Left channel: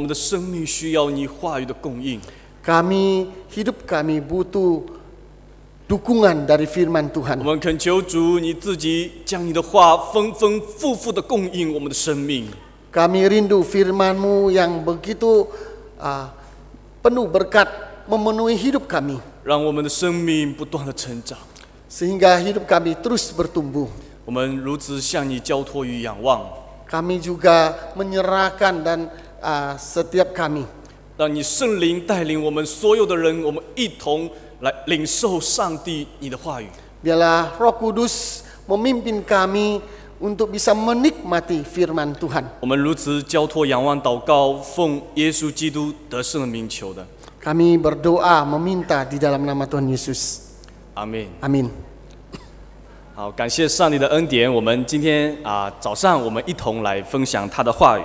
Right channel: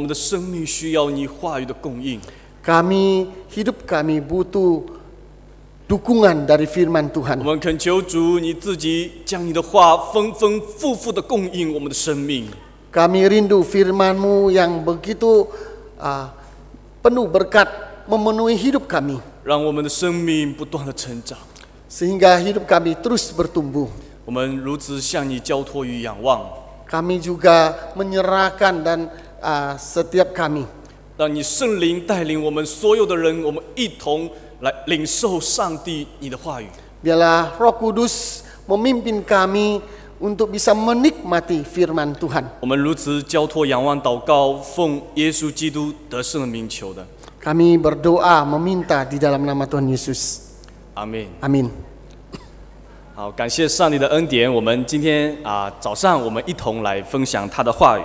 我们的生命需要你话语的供应。 hidup kami butuh dukungan dari firman 我 Tuhan. 们恳求主，你自己将你的话丰丰富富的供应我们的生命。 Kami rindu firman-Mu yang begitu penuh berkat memenuhi hidup kami. 让我们的生命不断的成长。 Sehingga hidup kami terus bertumbuh. 我们如此向你交托与仰望。 Kami juga menyerahkan dan setiap kami. 让你圣灵带领我们所有的人，我们一同来领受上帝你的话语。 Biarlah Roh Kudus memimpin kami untuk bisa menikmati firman Tuhan. 我们如此交托仰望祷告，奉耶稣基督得胜的名求的。 Kami berdoa meminta di dalam nama Tuhan Yesus. 阿门。 Amin. 好，感谢上帝的恩典。我们今天早上我们一同来分享他的话语。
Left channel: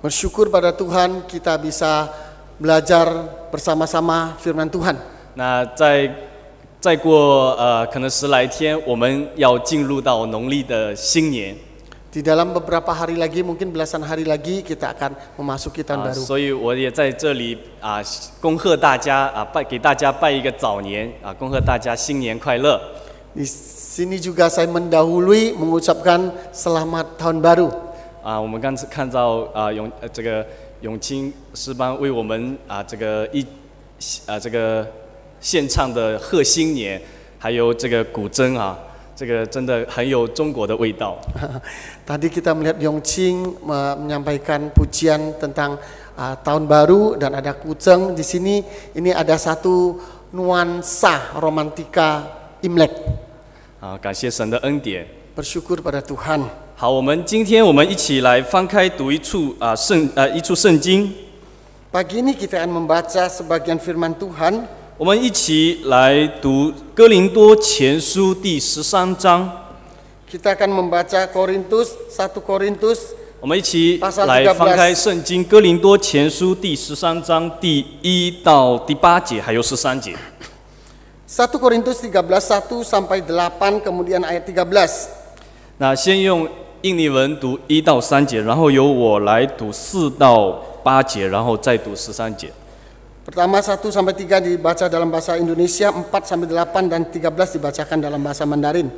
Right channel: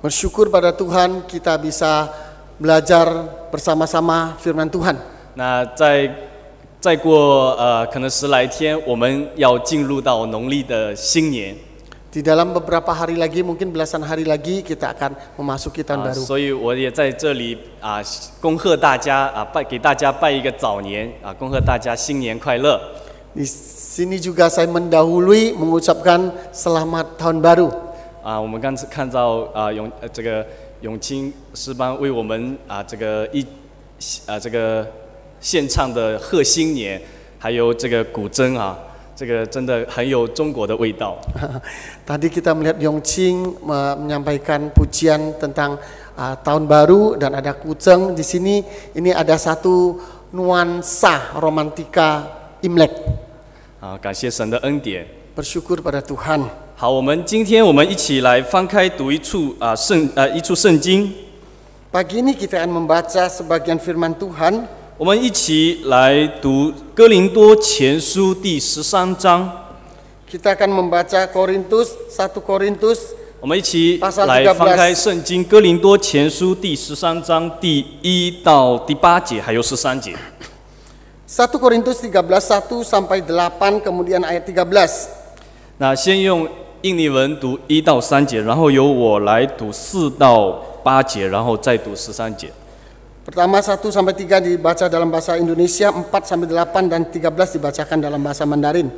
Bersyukur pada Tuhan kita bisa belajar bersama-sama firman Tuhan. 那再过可能10来天，我们要进入到农历的新年。 Di dalam beberapa hari lagi, mungkin belasan hari lagi kita akan memasuki tahun baru. 所以我也在这里恭贺大家给大家拜一个早年恭贺大家新年快乐。 Di sini juga saya mendahului mengucapkan selamat tahun baru. 我们刚才看到这个永清诗班为我们这个献唱的贺新年，还有这个古筝这个真的很有中国的味道。 Tadi kita melihat Yongqing menyampaikan pujian tentang tahun baru dan ada kucing di sini. Ini ada satu nuansa romantika Imlek. 感谢神的恩典。 Bersyukur pada Tuhan. 好，今天我们一起来翻开读一处圣经。 Pagi ini kita akan membaca sebagian firman Tuhan. 我们一起来读哥林多前书第13章。 Kita akan membaca satu Korintus. 我们一起来翻开圣经哥林多前书第13章第1到第8节，还有13节。 1 Korintus 13 1 sampai 8 kemudian ayat 13. 那先用印尼文读1到3节，然后由我来读4到8节，然后再读13节。 Pertama 1 sampai 3 dibaca dalam bahasa Indonesia, 4 sampai 8 dan 13 dibacakan dalam bahasa Mandarin.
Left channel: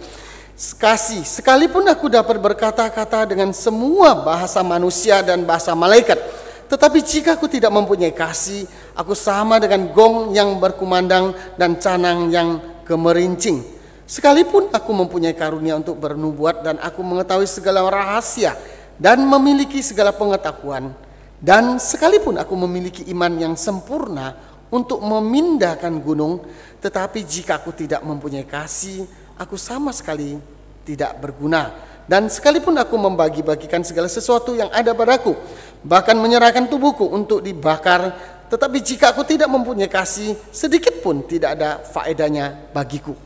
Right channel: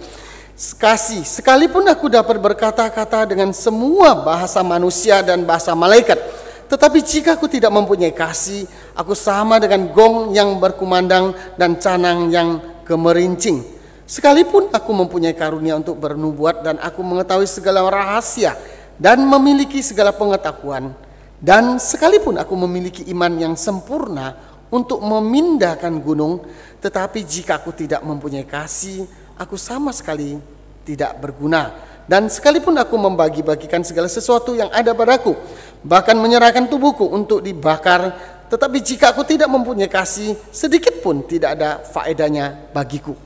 Kasih, sekalipun aku dapat berkata-kata dengan semua bahasa manusia dan bahasa malaikat, tetapi jika aku tidak mempunyai kasih, aku sama dengan gong yang berkumandang dan canang yang gemerincing. Sekalipun aku mempunyai karunia untuk bernubuat dan aku mengetahui segala rahasia dan memiliki segala pengetahuan, dan sekalipun aku memiliki iman yang sempurna untuk memindahkan gunung, tetapi jika aku tidak mempunyai kasih, aku sama sekali tidak berguna. Dan sekalipun aku membagi-bagikan segala sesuatu yang ada padaku, bahkan menyerahkan tubuhku untuk dibakar, tetapi jika aku tidak mempunyai kasih, sedikit pun tidak ada faedahnya bagiku.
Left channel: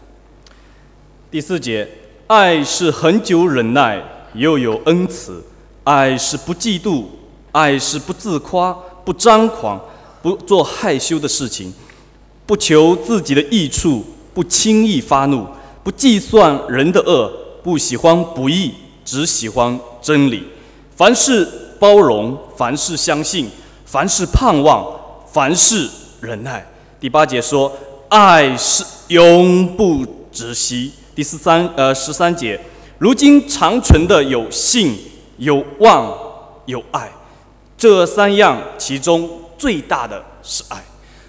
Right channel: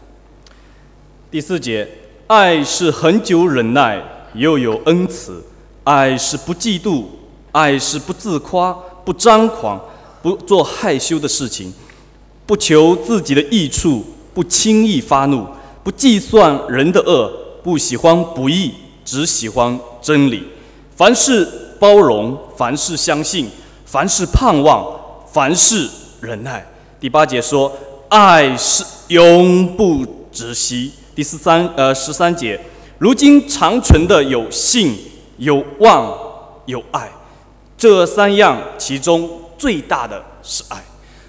第4节，爱是恒久忍耐，又有恩慈；爱是不嫉妒，爱是不自夸，不张狂，不做害羞的事情，不求自己的益处，不轻易发怒，不计算人的恶，不喜欢不义，只喜欢真理。凡事包容，凡事相信，凡事盼望，凡事忍耐。第8节说，爱是永不止息。第13节，如今长存的有信、有望、有爱，这3样其中最大的是爱。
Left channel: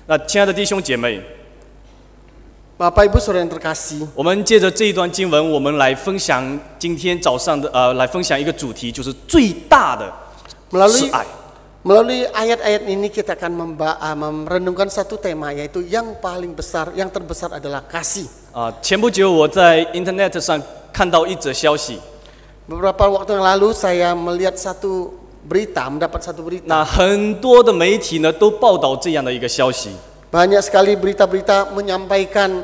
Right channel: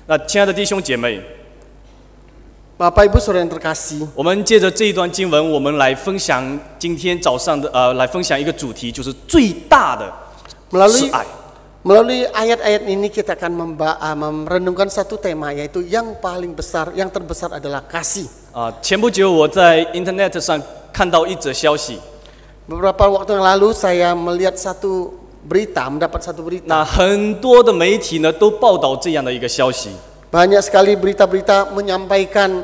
那亲爱的弟兄姐妹， Bapak Ibu Saudara yang terkasih, 我们借着这一段经文，我们来分享今天早上的来分享一个主题，就是最大的是爱。 Melalui ayat-ayat ini kita akan merenungkan satu tema, yaitu yang paling besar, yang terbesar adalah kasih. 前不久我在 Internet 上看到一则消息。 Beberapa waktu yang lalu saya melihat mendapat satu berita. 那很多的媒体呢都报道这样的一个消息。 Banyak sekali berita-berita menyampaikan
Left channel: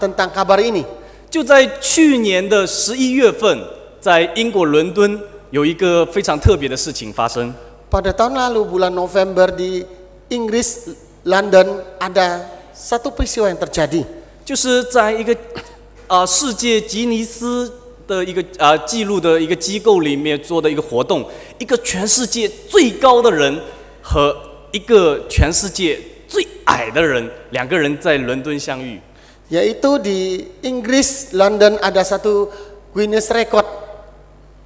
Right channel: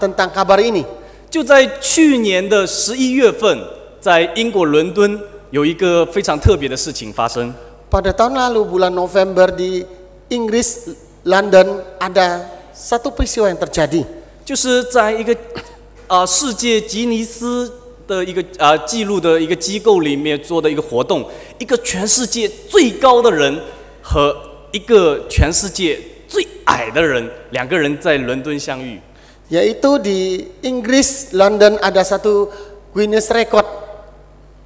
tentang kabar ini. 就在去年的11月份，在英国伦敦有一个非常特别的事情发生。 Pada tahun lalu bulan November di Inggris London ada satu peristiwa yang terjadi. 就是在一个世界吉尼斯的一个记录的一个机构里面做的一个活动，一个全世界最高的人和一个全世界最矮的人，两个人在伦敦相遇。 Yaitu di Inggris, London ada satu Guinness Record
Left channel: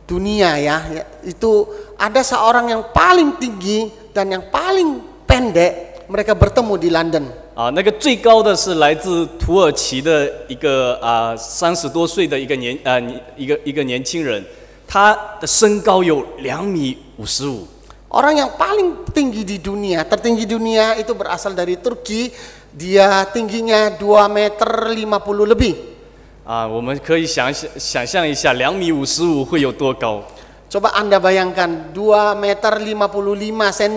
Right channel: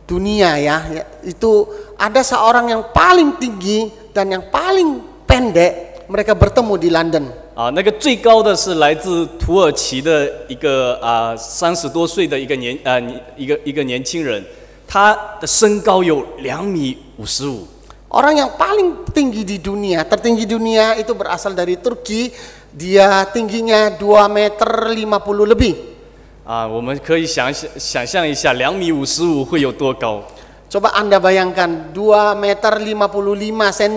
dunia ya. Itu ada seorang yang paling tinggi dan yang paling pendek, mereka bertemu di London. 那个最高的是来自土耳其的一个30多岁的一个年轻人，他的身高有2.55 米。 Orang yang paling tinggi di dunia, tertinggi dunia itu berasal dari Turki. Dia tingginya 2,50 meter lebih. 我们可以想象一下2.55 米会有多高。 Coba Anda bayangkan 2,55 meter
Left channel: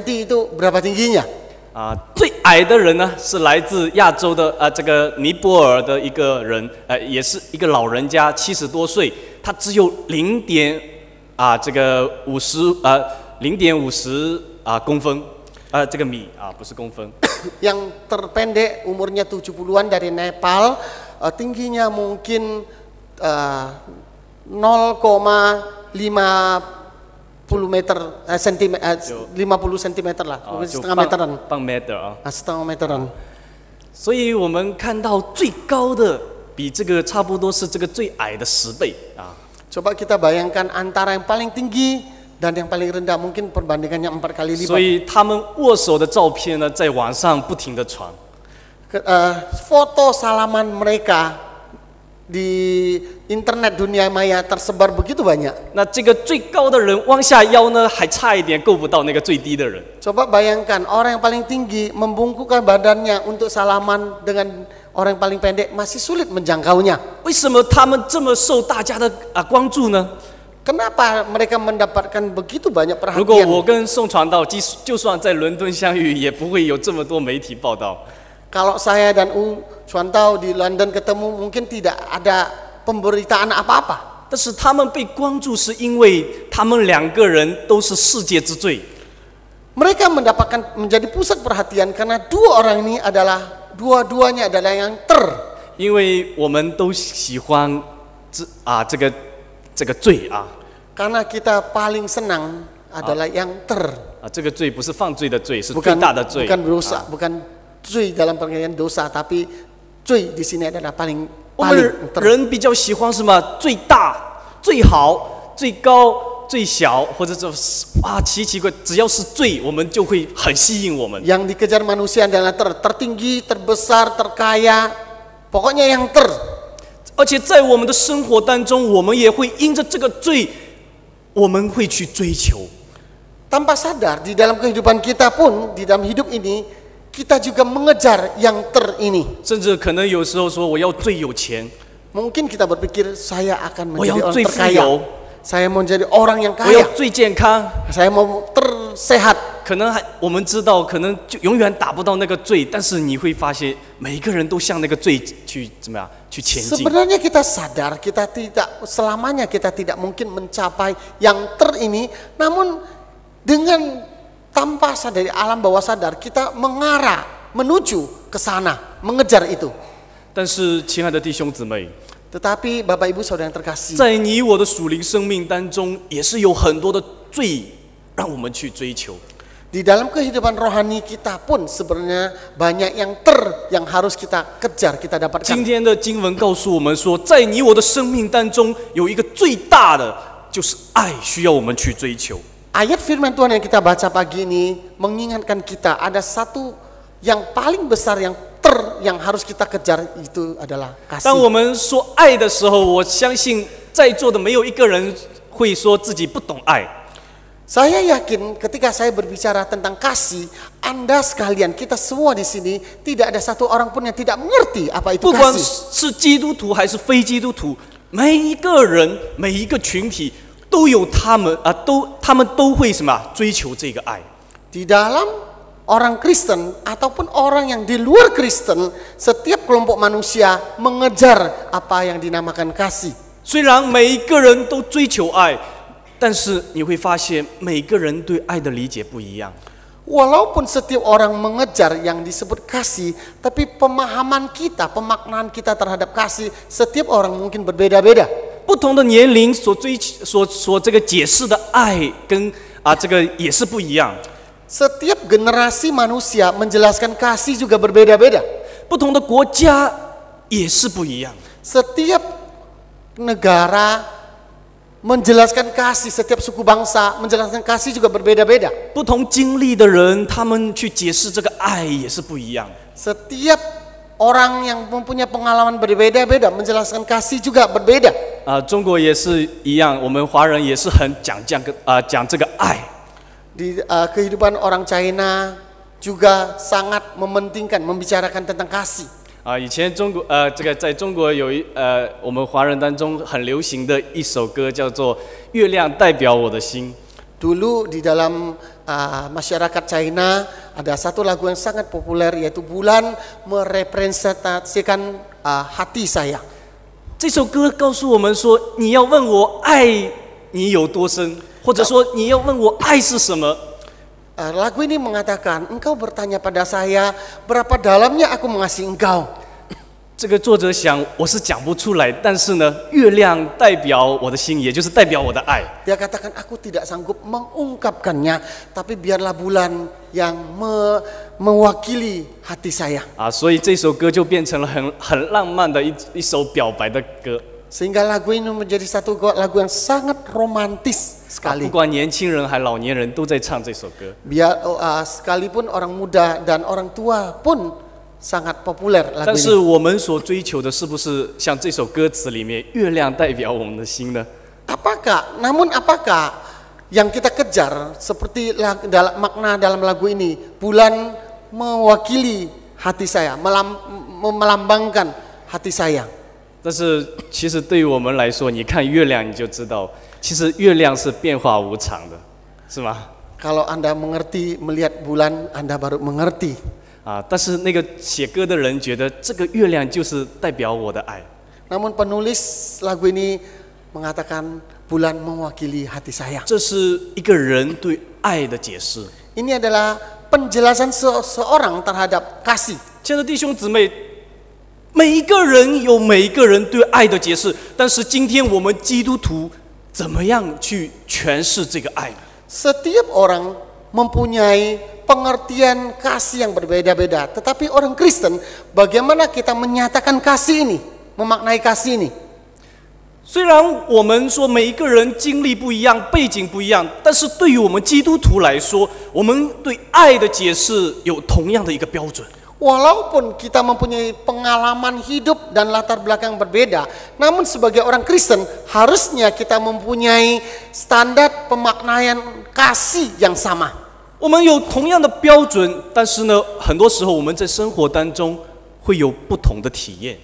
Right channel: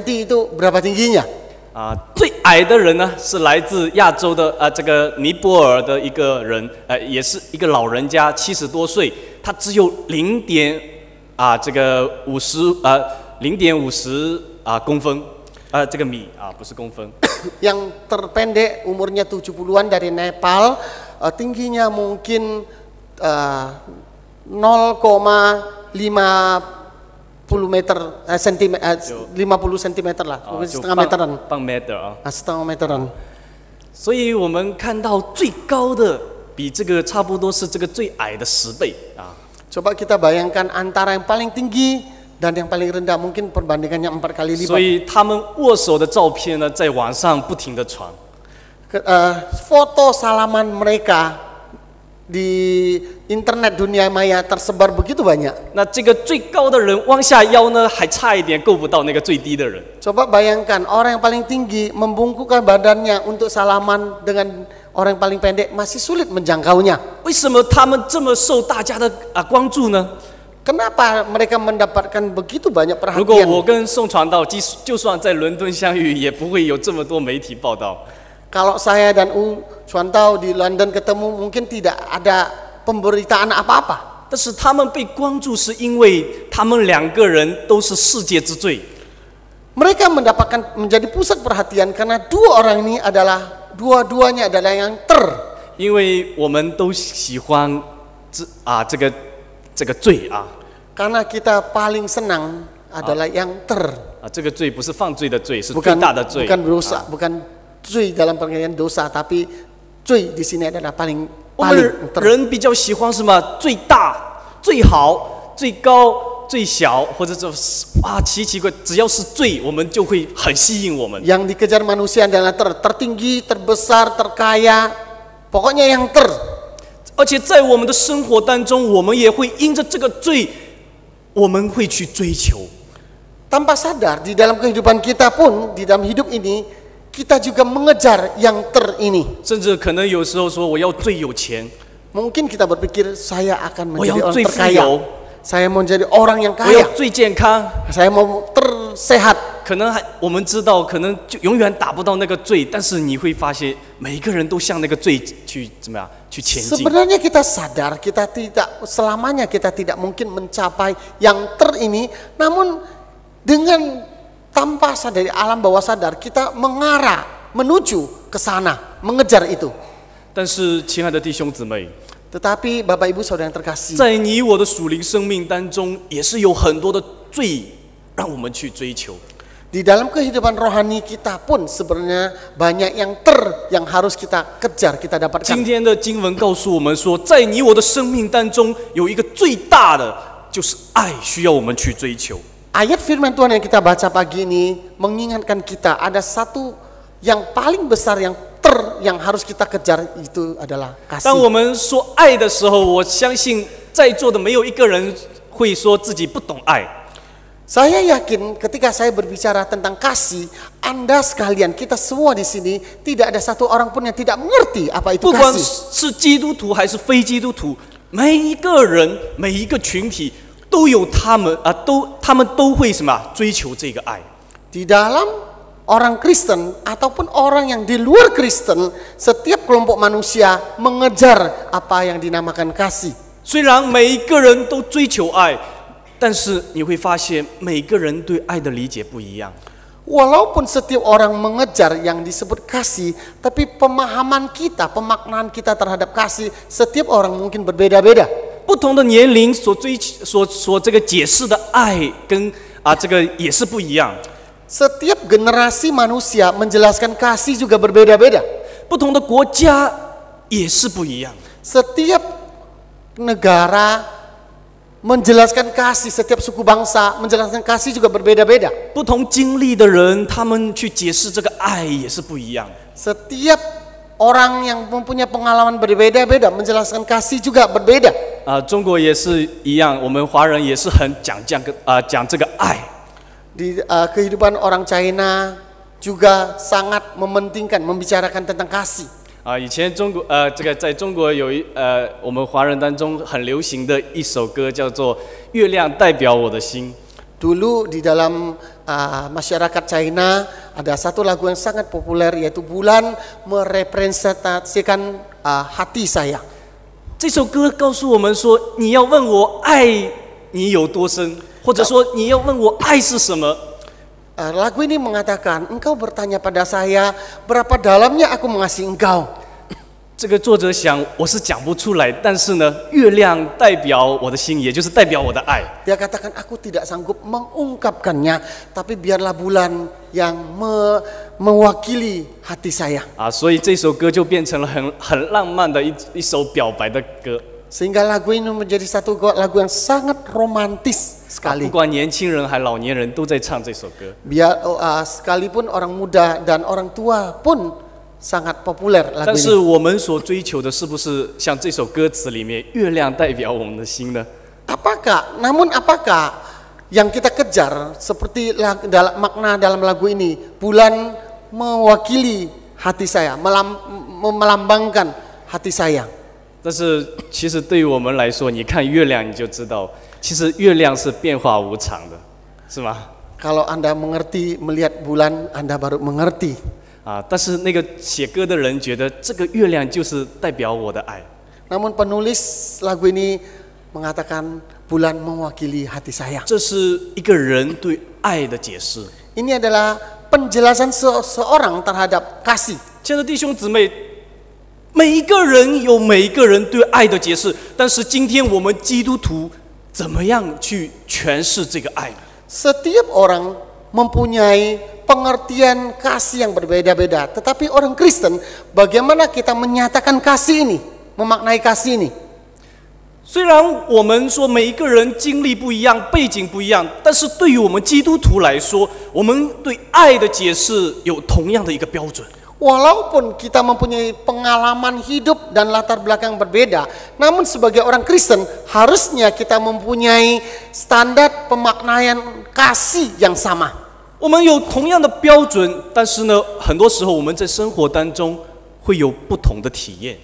itu berapa tingginya? 最矮的人呢是来自亚洲的这个尼泊尔的一个人，也是一个老人家，70多岁，他只有0.50公分，这个米不是公分。Yang terpendek umurnya 70-an dari Nepal, tingginya mungkin 0,50 meter, 50 cm lah, setengah meteran. 半 meter setengah meteran. 所以我们看到最高的比这个差不多是这个最矮的10倍啊。 Coba kita bayangkan antara yang paling tinggi dan yang paling rendah, mungkin perbandingannya 4 kali lipat. 所以他们握手的照片呢，在网上不停地传。 Foto salaman mereka di internet dunia maya tersebar begitu banyak. 那这个最高的人弯下腰呢，还差一点够不到那个最低的人。 Coba bayangkan orang yang paling tinggi membungkukkan badannya untuk salaman dengan orang yang paling pendek, masih sulit menjangkaunya. 为什么他们这么受大家的关注呢？ Kenapa mereka mendapatkan begitu banyak 如果 perhatian? 我跟宋传道就算在伦敦相遇，也不会有这么多媒体报道。 Kalau saya dan Chuantao di London ketemu, mungkin tidak ada pemberitaan apa-apa. 但是他们被关注，是因为他们两个人都是世界之最。 Mereka mendapatkan menjadi pusat perhatian karena dua-duanya adalah yang 因为我们都喜欢这个罪啊。 Karena kita paling senang adalah yang 这个罪不是犯罪的罪，是最大的罪。 bukan dosa, bukan 罪 dalam pengertian dosa, tapi 罪 di sini adalah paling 我们人比较喜欢什么？最大、最好、最高、最小，或者是奇怪，只要是罪，我们就会很吸引我们。 Yang dikejar manusia adalah tertinggi, terbesar, terkaya, pokoknya yang 而且在我们的生活当中，我们也会因着这个罪，我们会去追求。 Tanpa sadar di dalam kehidupan kita pun, di dalam hidup ini, kita juga mengejar yang ini. 甚至可能有时候说我要最有钱， Mungkin kita berpikir saya akan 我 menjadi 要 orang 最富 terkaya. 有， Saya mau jadi orang yang 我要 kaya. 最健康。 Saya mau tersehat. 可能我们知道，可能就永远达不到那个罪，但是你会发现，每一个人都向那个罪去怎么样去前进。 Sebenarnya kita sadar kita tidak selamanya kita tidak mungkin mencapai yang ini, namun dengan tanpa sadar alam bawah sadar kita mengarah menuju ke sana, mengejar itu. 但是，亲爱的弟兄姊妹， Tetapi Bapak Ibu Saudara yang terkasih, 在你我的属灵生命当中，也是有很多的罪让我们去追求。 di dalam kehidupan rohani kita pun sebenarnya banyak yang harus kita kejar, kita 今 dapatkan. 天的经文告诉我们说，在你我的生命当中，有一个最大的就是爱，需要我们去追求。 Ayat firman Tuhan yang kita baca pagi ini mengingatkan kita ada satu yang paling besar yang harus kita kejar, itu adalah 当 kasih. 我们说爱的时候，我相信在座的没有一个人会说自己不懂爱。 Saya yakin ketika saya berbicara tentang kasih, Anda sekalian, kita semua di sini tidak ada satu orang pun yang tidak mengerti apa itu 不管 kasih. 是基督徒还是非基督徒，每一个人、每一个群体都有他们都会什么追求这个爱。 Di dalam orang Kristen ataupun orang yang di luar Kristen, setiap kelompok manusia mengejar apa yang dinamakan kasih. 虽然每一个人都追求爱，但是你会发现每个人对爱的理解不一样。 Walaupun setiap orang mengejar yang disebut kasih, tapi pemahaman kita, pemaknaan kita terhadap kasih, setiap orang mungkin berbeda-beda. 不同的年龄所这个解释的爱跟这个也是不一样。Setiap generasi manusia menjelaskan kasih juga berbeda-beda. 不同的国家也是不一样。 Setiap negara menjelaskan kasih, setiap suku bangsa menjelaskan kasih juga berbeda-beda. 不同经历的人，他们去解释这个爱也是不一样。 Setiap orang yang mempunyai pengalaman berbeda-beda menjelaskan kasih juga berbeda. 中国也是一样，我们华人也是很讲这个爱。 Di kehidupan orang China juga sangat mementingkan membicarakan tentang kasih. 以前在中国有我们华人当中很流行的一首歌叫做《月亮代表我的心》。 Dulu di dalam masyarakat China ada satu lagu yang sangat populer yaitu bulan merepresentasikan hati saya. 这首歌告诉我们说，你要问我爱你有多深，或者说你要问我爱是什么。 Lagu ini mengatakan, engkau bertanya pada saya, berapa dalamnya aku mengasihi engkau. 这个作者想，我是讲不出来，但是呢，月亮代表我的心，也就是代表我的爱。 Dia katakan, aku tidak sanggup mengungkapkannya, tapi biarlah bulan yang mewakili hati saya. 所以这首歌就变成了很浪漫的一首表白的歌。 Sehingga lagu ini menjadi satu lagu yang sangat romantis 不 sekali. 管年轻人还老年人都在唱这首歌。 Biar sekalipun orang muda dan orang tua pun sangat populer 但 lagu 是 ini. 我们所追求的是不是像这首歌词里面，月亮代表我们的心呢？ Namun apakah yang kita kejar seperti makna dalam lagu ini, bulan mewakili hati saya, melambangkan hati saya. 但是其实对于我们来说，你看月亮你就知道，其实月亮是变化无常的，是吗？ Kalau Anda mengerti melihat bulan, Anda baru mengerti. 但是那个写歌的人觉得这个月亮就是代表我的爱。 Namun penulis lagu ini mengatakan bulan mewakili hati saya. 这是一个人对爱的解释。 Ini adalah penjelasan seseorang terhadap kasih. 亲爱的弟兄姊妹，每一个人有每一个人对爱的解释，但是今天我们基督徒怎么样去诠释这个爱呢？ Setiap orang mempunyai pengertian kasih yang berbeda-beda. Tetapi orang Kristen, bagaimana kita menyatakan kasih ini, memaknai kasih ini? 虽然我们说每一个人经历不一样，背景不一样，但是对于我们基督徒来说，我们对爱的解释有同样的一个标准。 Walaupun kita mempunyai pengalaman hidup dan latar belakang berbeda, namun sebagai orang Kristen harusnya kita mempunyai standar pemaknaian kasih yang sama. 我们有同样的标准，但是呢，很多时候我们在生活当中会有不同的体验。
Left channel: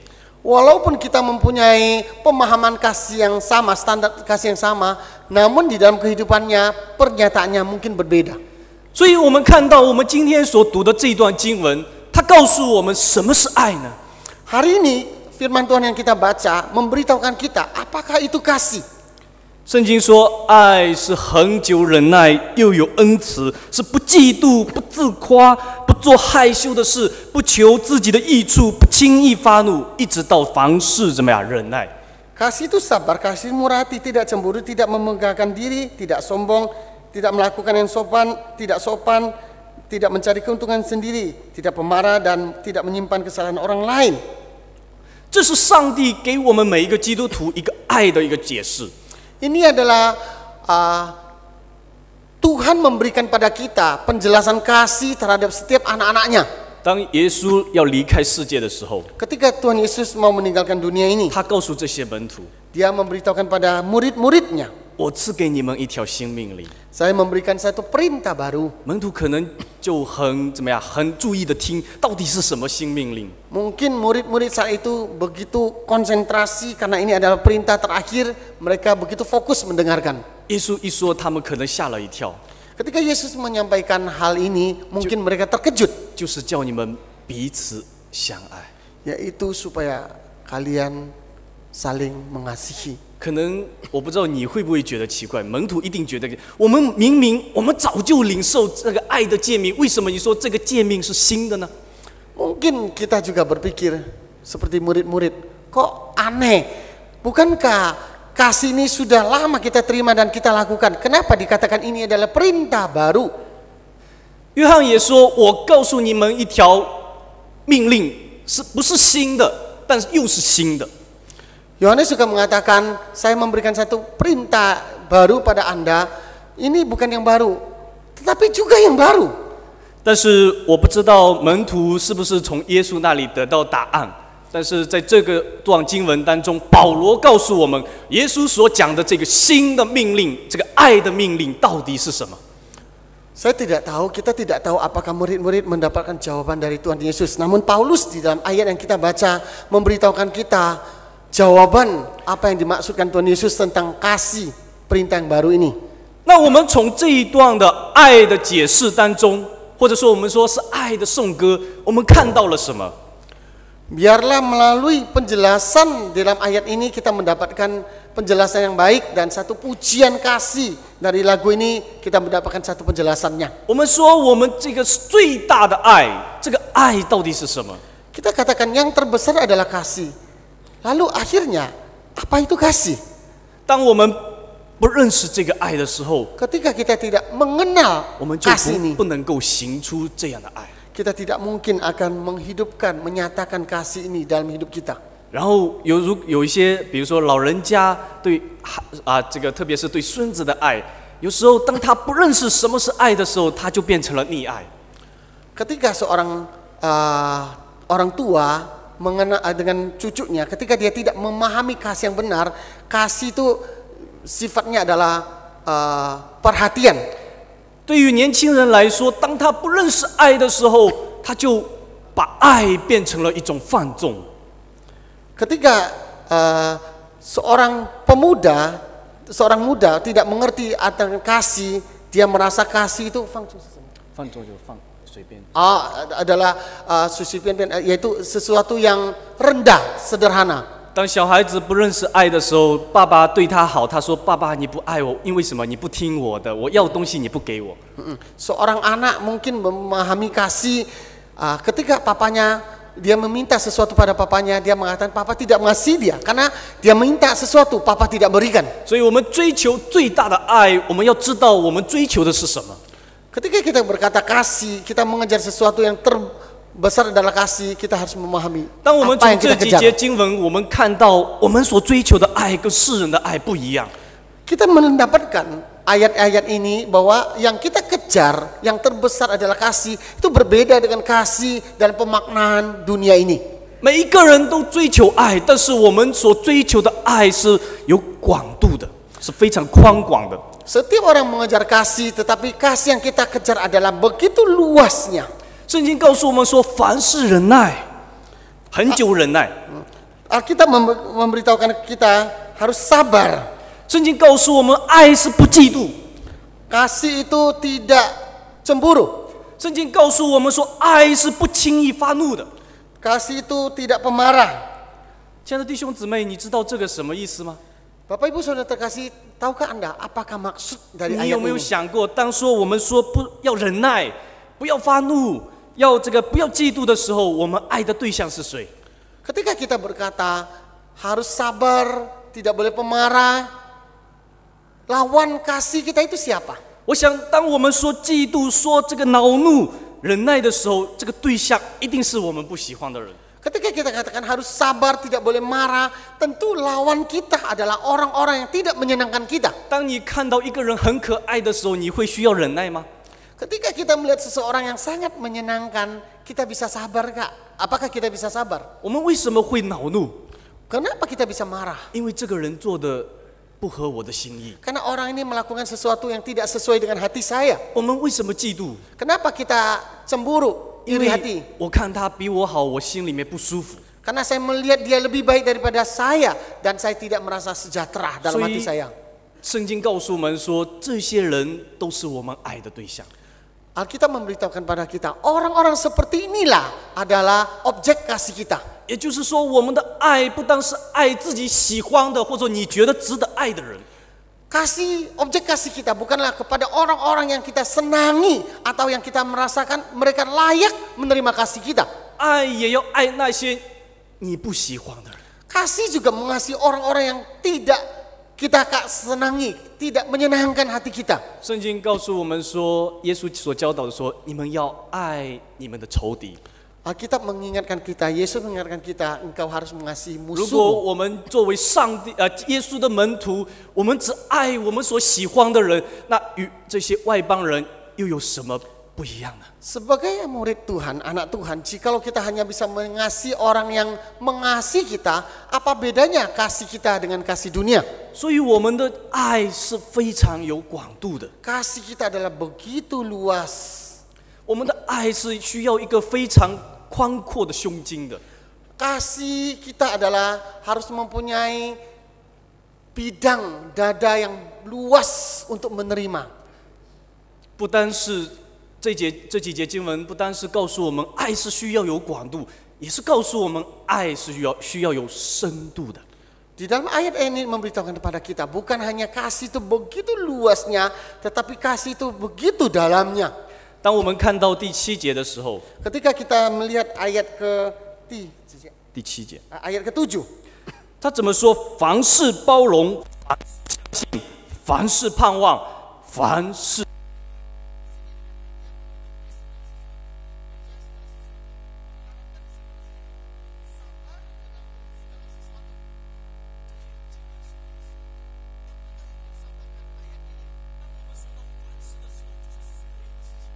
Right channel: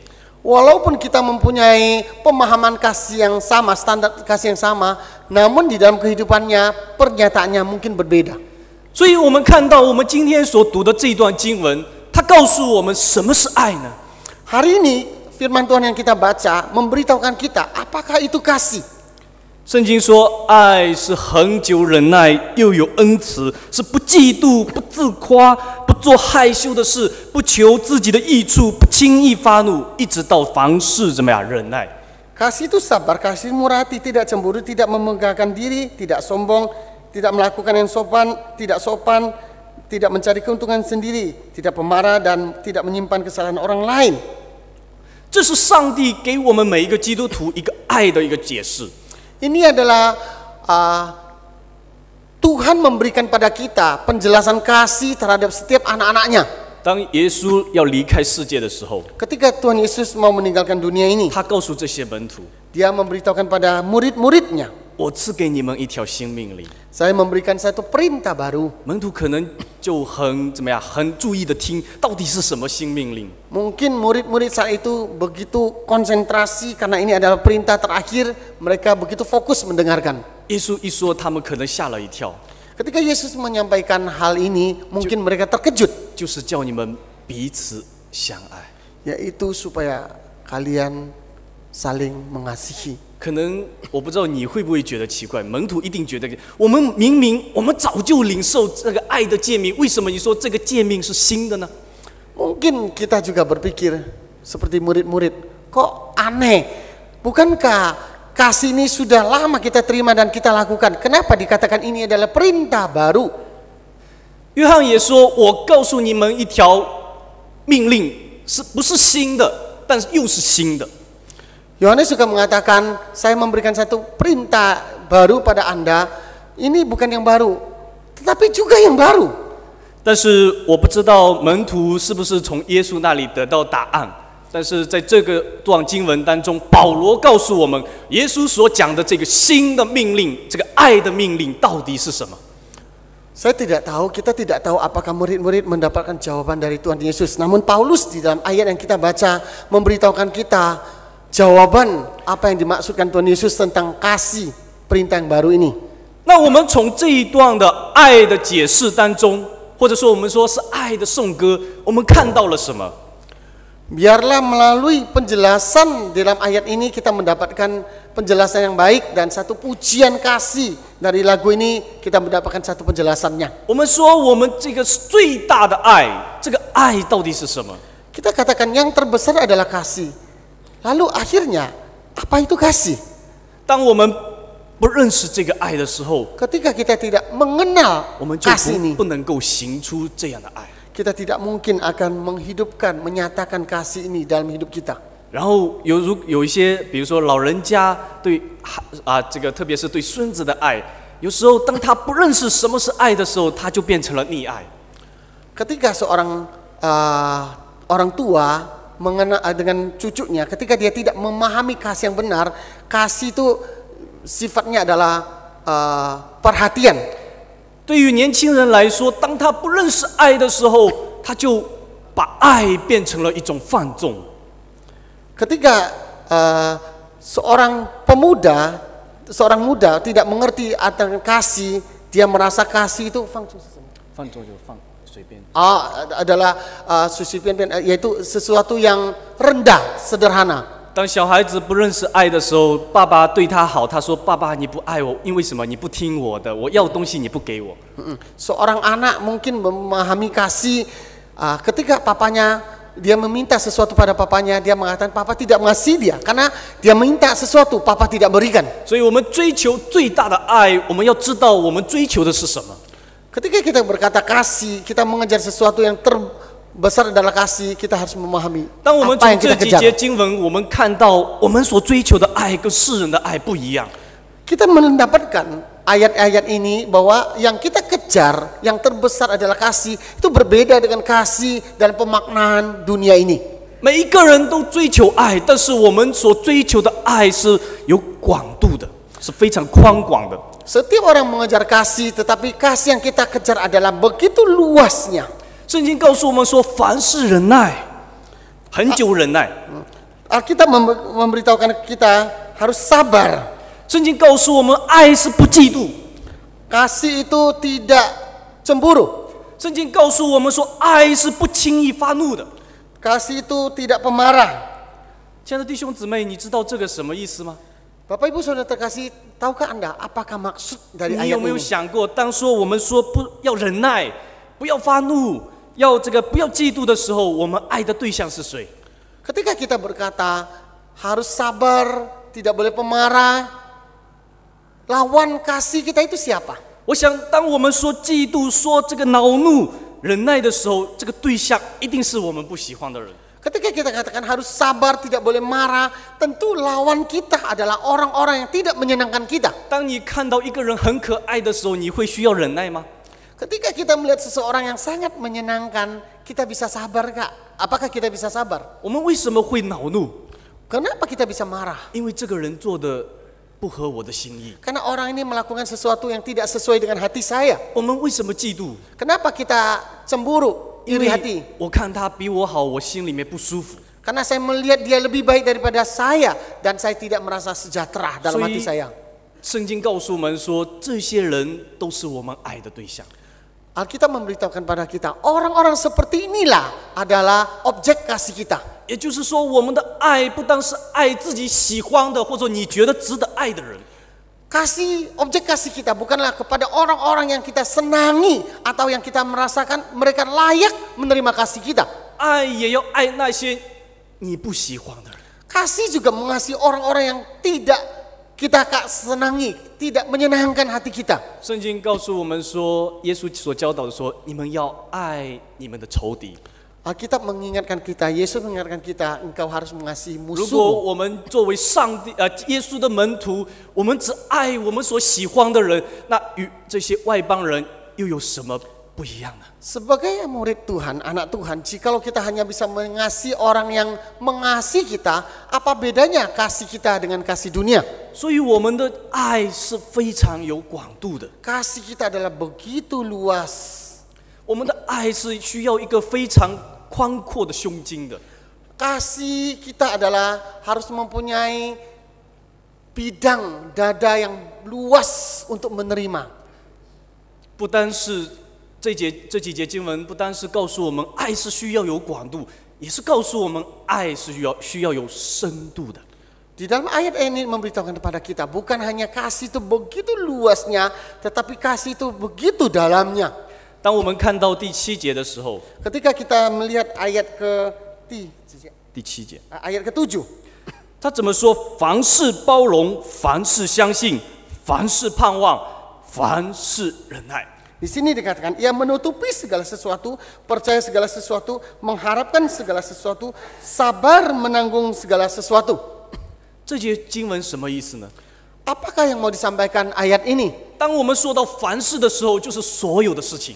Walaupun kita mempunyai pemahaman kasih yang sama, standar kasih yang sama, namun di dalam kehidupannya pernyataannya mungkin berbeda. 所以我们看到我们今天所读的这段经文，它告诉我们什么是爱呢？ Hari ini firman Tuhan yang kita baca memberitahukan kita apakah itu kasih. 圣经说，爱是恒久忍耐，又有恩慈，是不嫉妒、不自夸、不做害羞的事，不求自己的益处，不轻易发怒，一直到凡事怎么样忍耐。 Kasih itu sabar, kasih murah hati, tidak cemburu, tidak memegahkan diri, tidak sombong, tidak melakukan yang sopan, tidak mencari keuntungan sendiri, tidak pemarah dan tidak menyimpan kesalahan orang lain. 这是上帝给我们每一个基督徒一个爱的一个解释。 Ini adalah Tuhan memberikan pada kita penjelasan kasih terhadap setiap anak-anaknya. 当耶稣要离开世界的时候， Ketika Tuhan Yesus mau meninggalkan dunia ini, 他告诉这些门徒 Dia memberitahukan pada murid-muridnya, 我赐给你们一条新命令。 saya memberikan satu perintah baru. 门徒可能就很注意的听，到底是什么新命令？ Mungkin murid-murid saat itu begitu konsentrasi karena ini adalah perintah terakhir, mereka begitu fokus mendengarkan. 耶稣一说，他们可能吓了一跳， Ketika Yesus menyampaikan hal ini, mungkin mereka terkejut, 就是叫你们彼此相爱。 yaitu supaya kalian saling mengasihi. 可能我不知道你会不会觉得奇怪，门徒一定觉得，我们早就领受这个爱的诫命，为什么你说这个诫命是新的呢？ Mungkin kita juga berpikir seperti murid-murid, kok aneh? Bukankah kasih ini sudah lama kita terima dan kita lakukan? Kenapa dikatakan ini adalah perintah baru? 约翰也说：“我告诉你们一条命令，是不是新的，但是又是新的。” Yohanes juga mengatakan, saya memberikan satu perintah baru pada Anda. Ini bukan yang baru, tetapi juga yang baru. 但是我不知道门徒是不是从耶稣那里得到答案。但是在这个段经文当中，保罗告诉我们，耶稣所讲的这个新的命令，这个爱的命令到底是什么？ Saya tidak tahu, kita tidak tahu apakah murid-murid mendapatkan jawaban dari Tuhan Yesus. Namun Paulus di dalam ayat yang kita baca memberitahukan kita jawaban apa yang dimaksudkan Tuhan Yesus tentang kasih perintah yang baru ini. 那我们从这一段的爱的解释当中，或者说我们说是爱的颂歌，我们看到了什么？ Biarlah melalui penjelasan dalam ayat ini kita mendapatkan penjelasan yang baik dan satu pujian kasih dari lagu ini kita mendapatkan satu penjelasannya. 我们说我们这个最大的爱，这个爱到底是什么？ Kita katakan yang terbesar adalah kasih. Lalu akhirnya apa itu kasih? 当我们不认识这个爱的时候， Ketika kita tidak mengenal 我们就 kasih ini, 不能够行出这样的爱。 kita tidak mungkin akan menghidupkan, menyatakan kasih ini dalam hidup kita. 然后有一些，比如说老人家对这个特别是对孙子的爱，有时候当他不认识什么是爱的时候，他就变成了溺爱。 Ketika seorang orang tua mengenal dengan cucunya, ketika dia tidak memahami kasih yang benar, kasih itu sifatnya adalah perhatian. 对于年轻人来说，当他不认识爱的时候，他就把爱变成了一种放纵。 Ketika seorang muda tidak mengerti akan kasih, dia merasa kasih itu 放纵就放随便。 adalah yaitu sesuatu yang rendah, sederhana. 当小孩子不认识爱的时候，爸爸对他好，他说：“爸爸，你不爱我，因为什么？你不听我的，我要东西你不给我。” Seorang anak mungkin memahami kasih ketika papanya dia meminta sesuatu pada papanya, dia mengatakan papa tidak mengasihi dia karena dia minta sesuatu papa tidak berikan. 所以我们追求最大的爱，我们要知道我们追求的是什么。 Ketika kita berkata kasih, kita mengejar sesuatu yang terbesar adalah kasih, kita harus memahami 当我们 apa 从 yang 这 kita 几节 kejar. 经文，我们看到我们所追求的爱跟世人的爱不一样。 Kita mendapatkan ayat-ayat ini bahwa yang kita kejar, yang terbesar adalah kasih, itu berbeda dengan kasih dalam pemaknaan dunia ini. 每一个人都追求爱，但是我们所追求的爱是有广度的，是非常宽广的。 Setiap orang mengejar kasih, tetapi kasih yang kita kejar adalah begitu luasnya. 圣经告诉我们说，凡事忍耐，很久忍耐。 Alkitab memberitahukan kita harus sabar. 圣经告诉我们，爱是不嫉妒。 Kasih itu tidak cemburu. 圣经告诉我们说，爱是不轻易发怒的。 Kasih itu tidak pemarah. 亲爱的弟兄姊妹，你知道这个什么意思吗？ Bapak Ibu Saudara terkasih, tahukah Anda apakah maksud dari 你有 ayat 没有 ini? 想过，当我们说不要忍耐，不要发怒，要不要嫉妒的时候，我们爱的对象是谁？ Ketika kita berkata harus sabar, tidak boleh pemarah, lawan kasih kita itu siapa? 我想，当我们说嫉妒、说这个恼怒、忍耐的时候，这个对象一定是我们不喜欢的人。 Ketika kita katakan harus sabar, tidak boleh marah, tentu lawan kita adalah orang-orang yang tidak menyenangkan kita. 当你看到一个人很可爱的时候，你会需要忍耐吗？ Ketika kita melihat seseorang yang sangat menyenangkan, kita bisa sabar kak? Apakah kita bisa sabar? 我们为什么会恼怒？ Kenapa kita bisa marah? 因为这个人做的不合我的心意。 Karena orang ini melakukan sesuatu yang tidak sesuai dengan hati saya. 我们为什么嫉妒？ Kenapa kita cemburu, 因 iri hati? 为我看他比我好，我心里面不舒服。 Karena saya melihat dia lebih baik daripada saya dan saya tidak merasa sejahtera dalam hati saya. 圣经告诉我们说，这些人都是我们爱的对象。 Alkitab memberitahukan pada kita, orang-orang seperti inilah adalah objek kasih kita. 也就是说，我们的爱不单是爱自己喜欢的，或者你觉得值得爱的人。 Objek kasih kita bukanlah kepada orang-orang yang kita senangi atau yang kita merasakan mereka layak menerima kasih kita. 爱也要爱那些你不喜欢的人。 Kasih juga mengasihi orang-orang yang tidak kita senangi, tidak menyenangkan hati kita. 圣经告诉我们说，耶稣所教导的说，你们要爱你们的仇敌。 Alkitab mengingatkan kita, Yesus mengingatkan kita, engkau harus mengasihi 如果 musuh. 我们作为耶稣的门徒，我们只爱我们所喜欢的人，那与这些外邦人又有什么不一样呢？ Sebagai murid Tuhan, anak Tuhan, jikalau kita hanya bisa mengasihi orang yang mengasihi kita, apa bedanya kasih kita dengan kasih dunia? 所以我们的爱是非常有广度的， Kasih kita adalah begitu luas. 我们的爱是需要一个非常宽阔的胸襟的。 Kasih kita adalah harus mempunyai bidang dada yang luas untuk menerima. 不单是这几节经文，不单是告诉我们爱是需要有广度，也是告诉我们爱是需要有深度的。 Di dalam ayat ini memberitahukan kepada kita, bukan hanya kasih itu begitu luasnya, tetapi kasih itu begitu dalamnya. 当我们看到第7节的时候， Ketika kita melihat ayat第7节， ayat ke-7, 他怎么说？凡事包容，凡事相信，凡事盼望，凡事忍耐。 di sini dikatakan ia menutupi segala sesuatu, percaya segala sesuatu, mengharapkan segala sesuatu, sabar menanggung segala sesuatu. 这节经文什么意思呢？ Apakah yang mau disampaikan ayat ini? 当我们说到凡事的时候，就是所有的事情。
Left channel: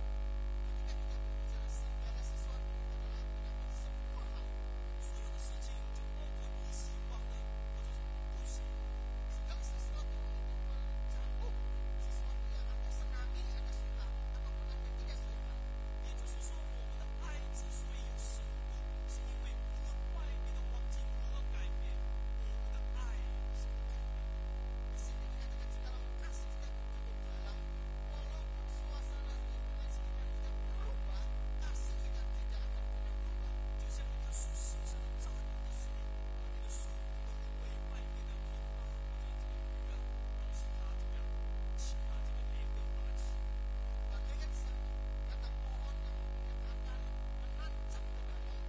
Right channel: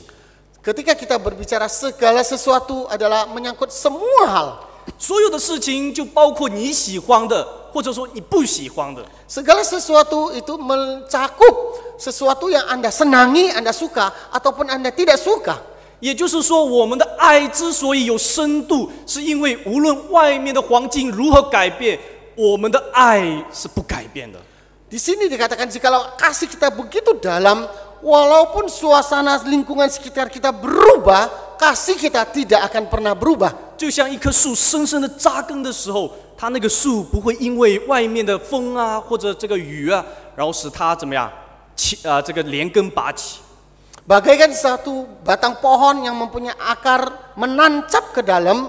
Ketika kita berbicara segala sesuatu adalah menyangkut semua hal. 所有的事情就包括你喜欢的，或者说你不喜欢的。 Segala sesuatu itu mencakup sesuatu yang Anda senangi, Anda suka, ataupun Anda tidak suka. 也就是说，我们的爱之所以有深度，是因为无论外面的环境如何改变，我们的爱是不改变的。 Di sini dikatakan jikalau kasih kita begitu dalam, walaupun suasana lingkungan sekitar kita berubah, kasih kita tidak akan pernah berubah. 就像一棵树深深的扎根的时候，它那个树不会因为外面的风啊或者这个雨啊，然后使它怎么样这个连根拔起。 Bagaikan satu batang pohon yang mempunyai akar menancap ke dalam,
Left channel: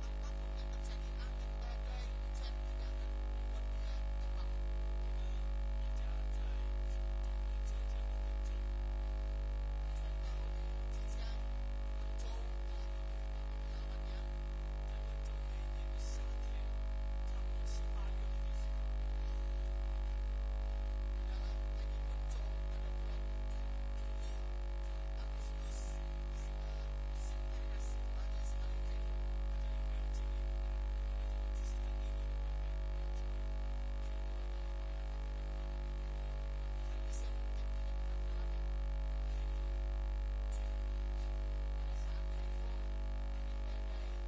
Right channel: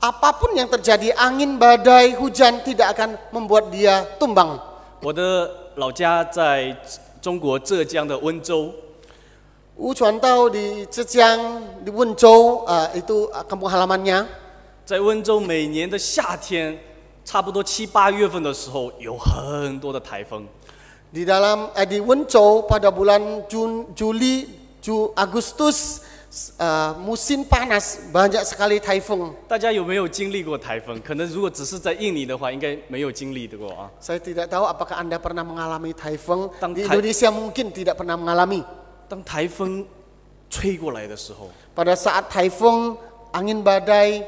apapun yang terjadi, angin, badai, hujan tidak akan membuat dia tumbang. 我的老家在中国浙江的温州， Ucuantau di Zhejiang, di Wenzhou, itu kampung halamannya. 在温州每年的夏天，差不多7、8月份的时候，有很多的台风。 Di Wenzhou pada bulan Juli, Agustus, musim panas, banyak sekali taifung. 大家有没有经历过台风？可能如果只是在印尼的话，应该没有经历过啊。 Saya tidak tahu apakah Anda pernah mengalami taifung. Di Tang- Indonesia mungkin tidak pernah mengalami. 当台风吹过来的时候， Pada saat taifung, angin badai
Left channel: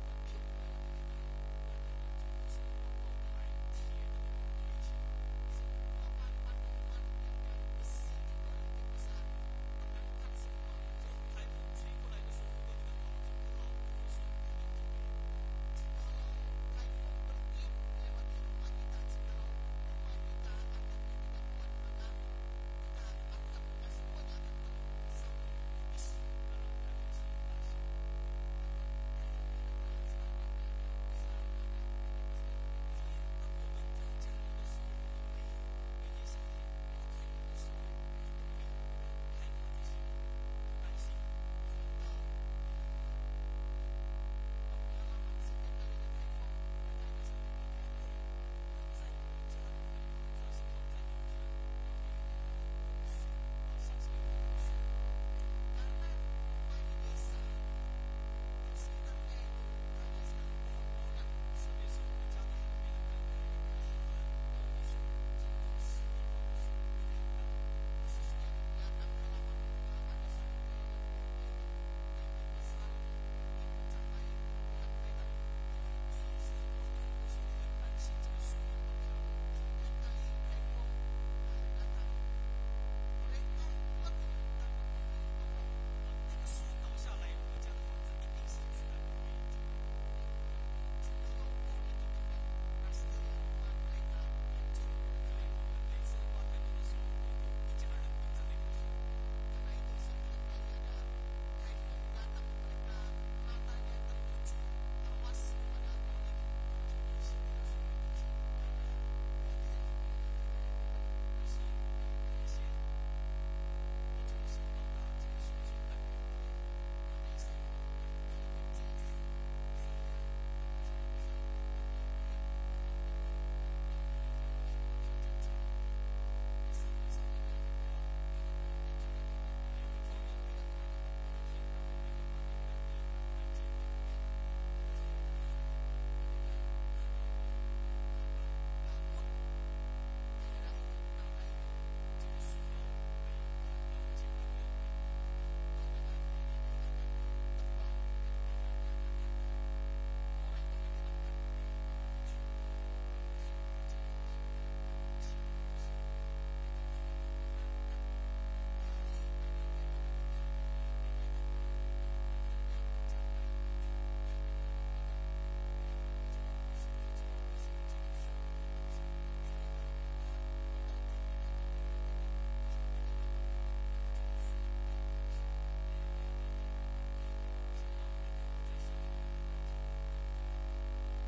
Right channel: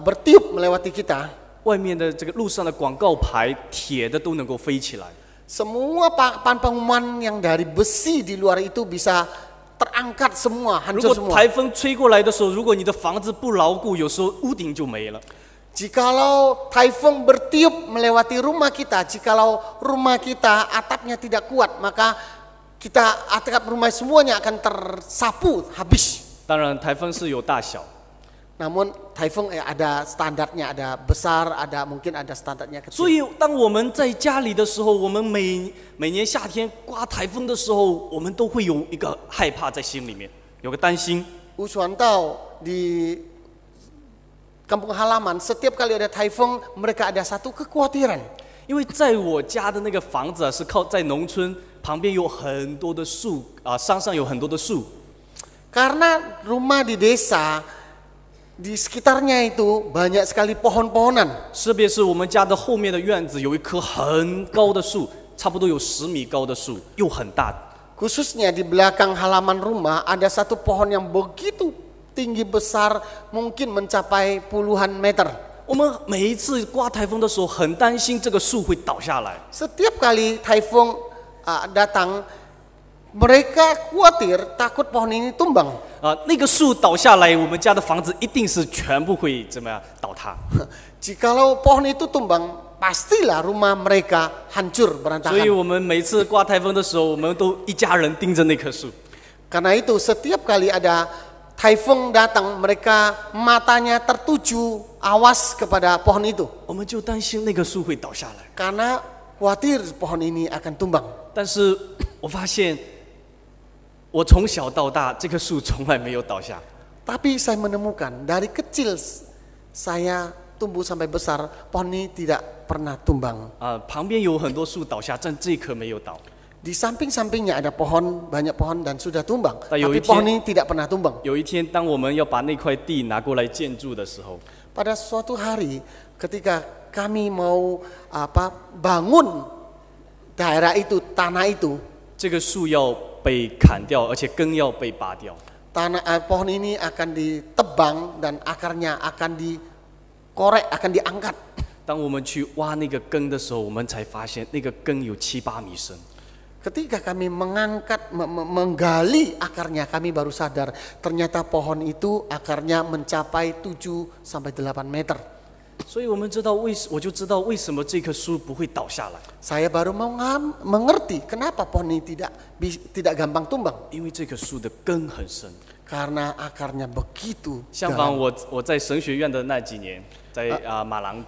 bertiup melewati kita, 外面的这个路上的广告牌，铁的都能够飞起来。 semua papan pengumuman yang dari besi di luar itu bisa terangkat semua, 如 hancur 果 semua. 台风吹过来的时候，如果你的房子不牢固，有时候屋顶就没了。 Jikalau taifung bertiup melewati rumah kita, jikalau rumah kita atapnya tidak kuat, maka atap rumah semuanya akan tersapu habis. 当然，台风是有大小， Namun taifung ada standarnya, ada besar, mungkin ada standarnya 所 kecil. 以当我们在家里的时候，我们每年夏天刮台风的时候，我们都会有一个害怕在心里面，有个担心。 Usuantau di kampung halaman, setiap kali ada taifung, mereka ada satu kekhawatiran. 因为在我家的那个房子是靠在农村，旁边有很多的树山上有很多的树。 Karena rumah di desa, di sekitarnya itu banyak sekali pohon-pohonan. 特别是我们家的后面的院子有一棵很高的树，差不多有10米高的树，又很大。 Khususnya di belakang halaman rumah ada satu pohon yang begitu tinggi besar, mungkin mencapai puluhan meter. 我们每一次刮台风的时候，很担心这个树会倒下来。 Setiap kali taifung datang, mereka khawatir takut pohon ini tumbang. 那个树倒下来，我们家的房子一定是全部会怎么样倒塌。 Jikalau pohon itu tumbang, pastilah rumah mereka hancur 所以 berantakan. 我们每次刮台风的时候，我们都一家人盯着那棵树。 Karena itu setiap kali ada taifung datang, mereka matanya tertuju, awas kepada pohon itu. 我们就担心那棵树会倒下来。 Karena khawatir pohon ini akan tumbang. 但是我发现，我从小到大，这棵树从来没有倒下。 Tapi saya menemukan dari kecil saya tumbuh sampai besar, pohon ini tidak pernah tumbang. 旁边有很多树倒下，但这棵没有倒。 Di samping-sampingnya ada pohon, banyak pohon dan sudah tumbang. Tapi Tapi pohon ini tidak pernah tumbang. 有一天，当我们要把那块地拿过来建筑的时候， Pada suatu hari ketika kami mau bangun daerah itu, tanah itu, 这个树要被砍掉，而且根要被拔掉。 pohon ini akan ditebang dan akarnya akan dikorek, akan diangkat. 当我们去挖那个根的时候，我们才发现那个根有7、8米深。 Ketika kami menggali akarnya, kami baru sadar ternyata pohon itu akarnya mencapai 7 sampai 8 meter. 所以我就知道为什么这棵树不会倒下来。 Saya baru mengerti kenapa pohon ini tidak gampang tumbang. 因为这棵树的根很深。 Karena akarnya begitu 相反， dalam. 我在神学院的那几年，在马郎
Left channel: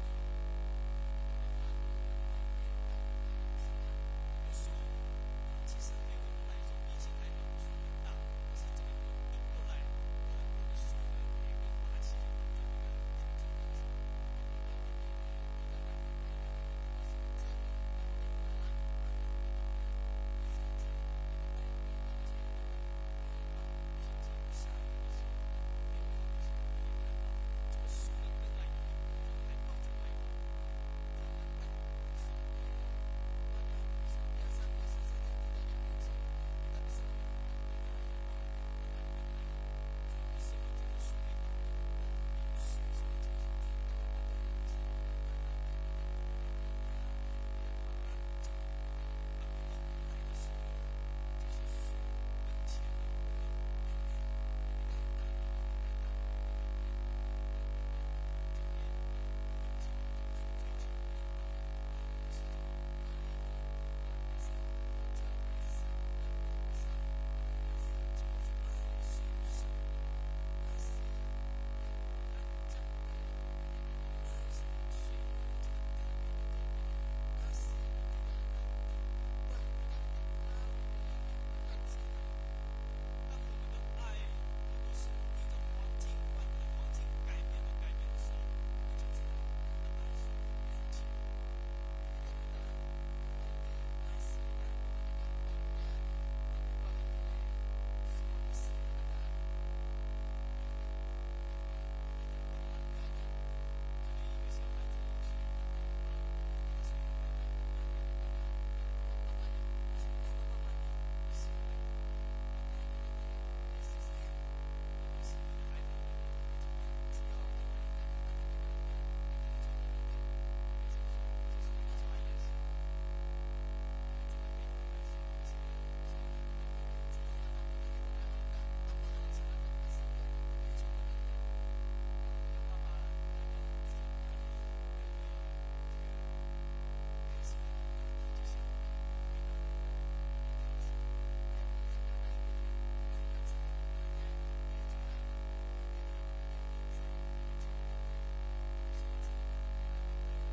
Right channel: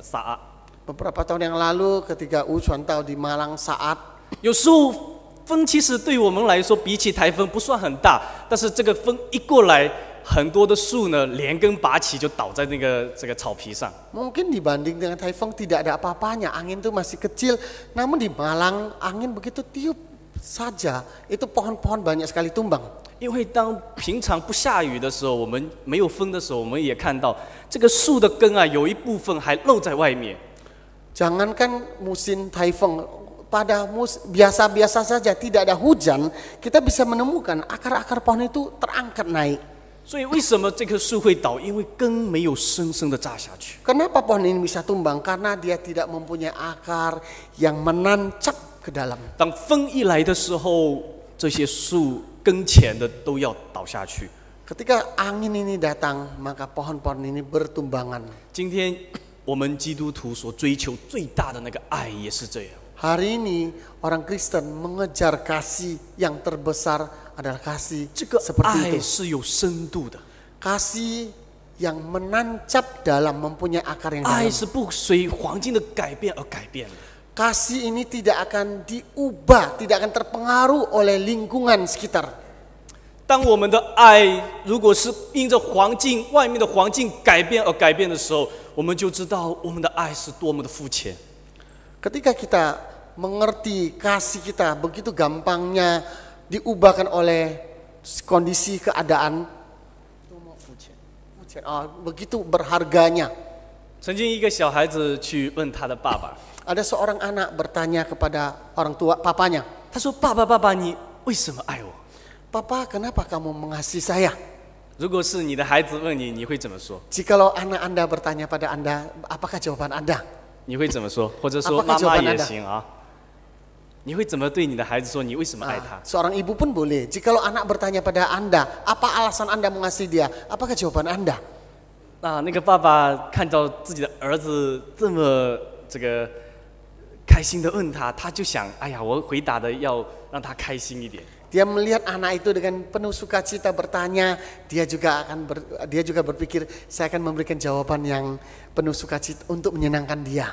沙 Beberapa tahun yang lalu ketika Ucuan tahu di Malang saat 有时候风其实对我们来说比起台风不算很大，但是这个风一过来，很多的树呢连根拔起就倒在这个草皮上。 mungkin dibanding dengan taifeng tidak ada apa-apanya, angin itu masih kecil, namun di Malang angin begitu tiup saja itu pohon-pohon banyak sekali tumbang. 因为当平常不下雨的时候，我们没有风的时候，我们也看到这个树的根啊，有一部分还露在外面。 Jangankan musim taifeng, pada biasa-biasa saja tidak ada hujan, kita bisa menemukan akar-akar pohon itu terangkat naik. 所以为什么这棵树会倒？因为根没有深深的扎下去。 Kenapa pohon ini bisa tumbang? Karena dia tidak mempunyai akar yang menancap ke dalam. 当风一来的时候，这些树根前的都要倒下去。 Ketika angin ini datang, maka pohon-pohon ini bertumbangan. 今天我们基督徒所追求最大的那个爱也是这样。 Hari ini orang Kristen mengejar kasih yang terbesar adalah kasih 这个 seperti 爱 itu. 是有深度的， Kasih yang menancap dalam, mempunyai akar yang 爱 dalam. 是不随环境的改变而改变的。 Kasih ini tidak akan diubah, tidak akan terpengaruh oleh lingkungan sekitar. 当我们的爱如果是因着环境、外面的环境改变而改变的时候，我们就知道我们的爱是多么的肤浅。 Ketika kita mengerti kasih kita begitu gampangnya diubahkan oleh kondisi keadaan, begitu berharganya. 曾经一个小孩子去问他的爸爸， Ada seorang anak bertanya kepada orang tua papanya, 他说：“爸爸，爸爸，你为什么爱我？” "Papa, kenapa kamu mengasihi saya?" 如果是你的孩子问你，你会怎么说？ Jikalau anak Anda bertanya pada Anda, apakah jawaban Anda? 你会怎么说？或者说 Apakah 妈妈 jawaban 也 Anda? 行啊？你会怎么对你的孩子说？你为什么爱他？ Seorang ibu pun boleh. Jikalau anak bertanya pada Anda, apa alasan Anda mengasihi dia? Apakah jawaban Anda? 那个爸爸看到自己的儿子这么开心的问他，他就想，哎呀，我回答的要让他开心一点。 Dia melihat anak itu dengan penuh sukacita bertanya, dia juga berpikir, saya akan memberikan jawaban yang penuh sukacita untuk menyenangkan dia.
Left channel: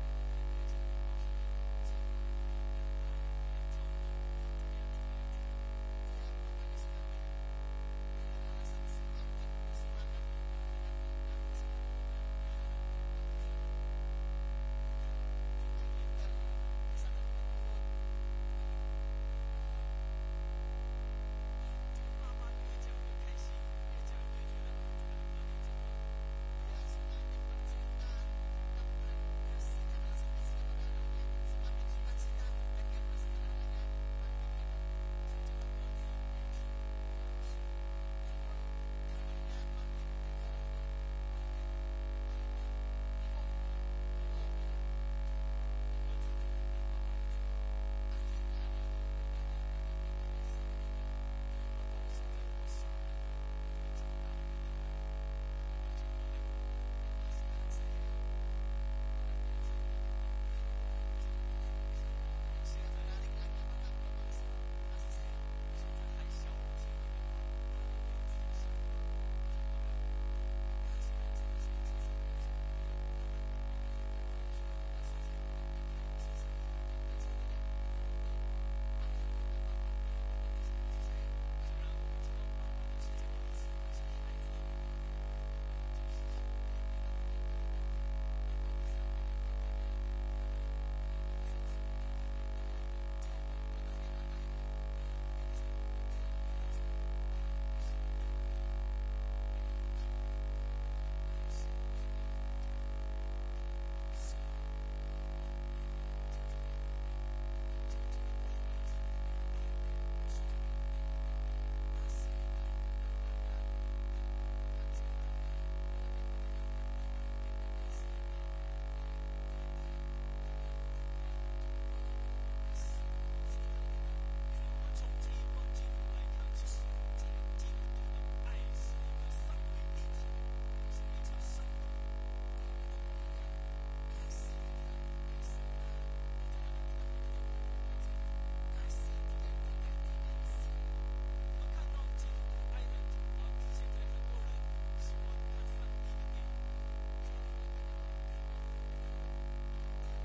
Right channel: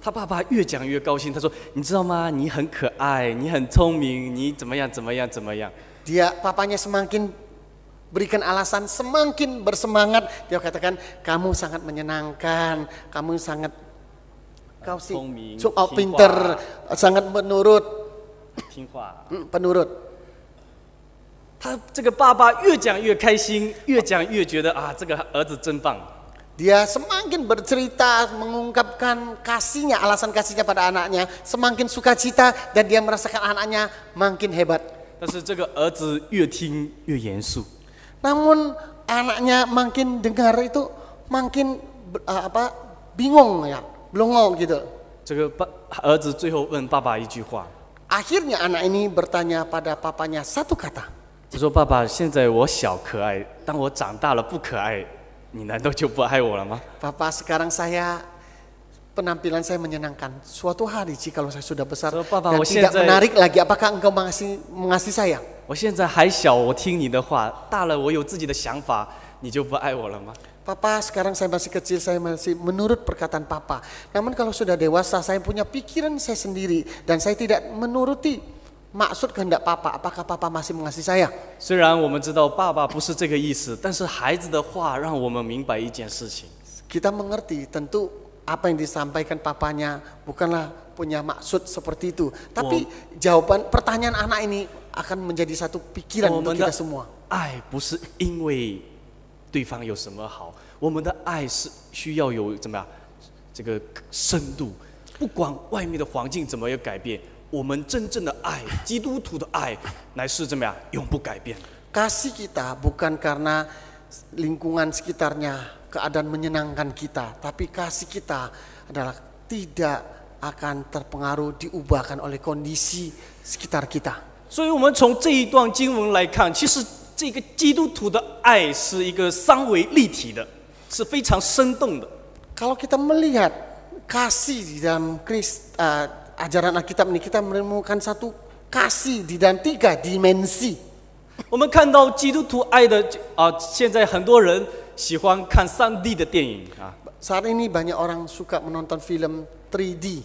他爸爸越讲越高兴，他说：“你知道吗？你很可爱，你很聪明，你怎么样怎么样怎么样。” Papanya semakin berikan alasan, semakin bersemangat. Dia katakan, kamu sangat menyenangkan, kamu sangat pinter, sangat menurut. 听话。 penurut. 他这个爸爸越讲越开心，越讲越觉得啊，这个儿子真棒。 Dia semakin bercerita, mengungkapkan kasihnya, alasan kasihnya pada anaknya, semakin sukacita dan dia merasakan anaknya makin hebat. 但是这个儿子越听越严肃。 Namun anaknya makin dengar itu makin bingung ya, blongo gitu. 这个儿子最后问爸爸一句话， Akhirnya anak ini bertanya pada papanya satu kata. 他说：“爸爸，现在我小可爱，当我长大了不可爱，你难道就不爱我了吗？” Papa, sekarang penampilan saya menyenangkan. Suatu hari jika saya sudah besar So, Papa, dan tidak menarik lagi, apakah engkau mengasihi saya? 我现在还小，我听你的话；大了，我有自己的想法，你就不爱我了吗？ Papa, sekarang saya masih kecil, saya masih menurut perkataan Papa. Namun kalau sudah dewasa, saya punya pikiran saya sendiri dan saya tidak menuruti maksud kehendak Papa. Apakah Papa masih mengasihi saya? 虽然我们知道爸爸不是这个意思，但是孩子的话让我们明白一件事情。 Kita mengerti tentu apa yang disampaikan papanya bukanlah punya maksud seperti itu. Tapi jawaban pertanyaan anak ini akan menjadi satu pikiran untuk kita semua. 爱不是因为对方有什么好，我们的爱是需要有怎么样这个深度，不管外面的环境怎么样改变，我们真正的爱，基督徒的爱乃是怎么样永不改变。 Kasih kita bukan karena lingkungan sekitarnya, keadaan menyenangkan kita, tapi kasih kita adalah tidak akan terpengaruh diubahkan oleh kondisi sekitar kita. 所以，我们从这一段经文来看，其实这个基督徒的爱是一个三维立体的，是非常生动的。 Kalau kita melihat kasih di dalam ajaran Alkitab ini, kita menemukan satu kasih di dalam 3 dimensi. 我们看到基督徒爱的现在很多人喜欢看3D 的电影啊。 Saat ini banyak orang suka menonton film 3D.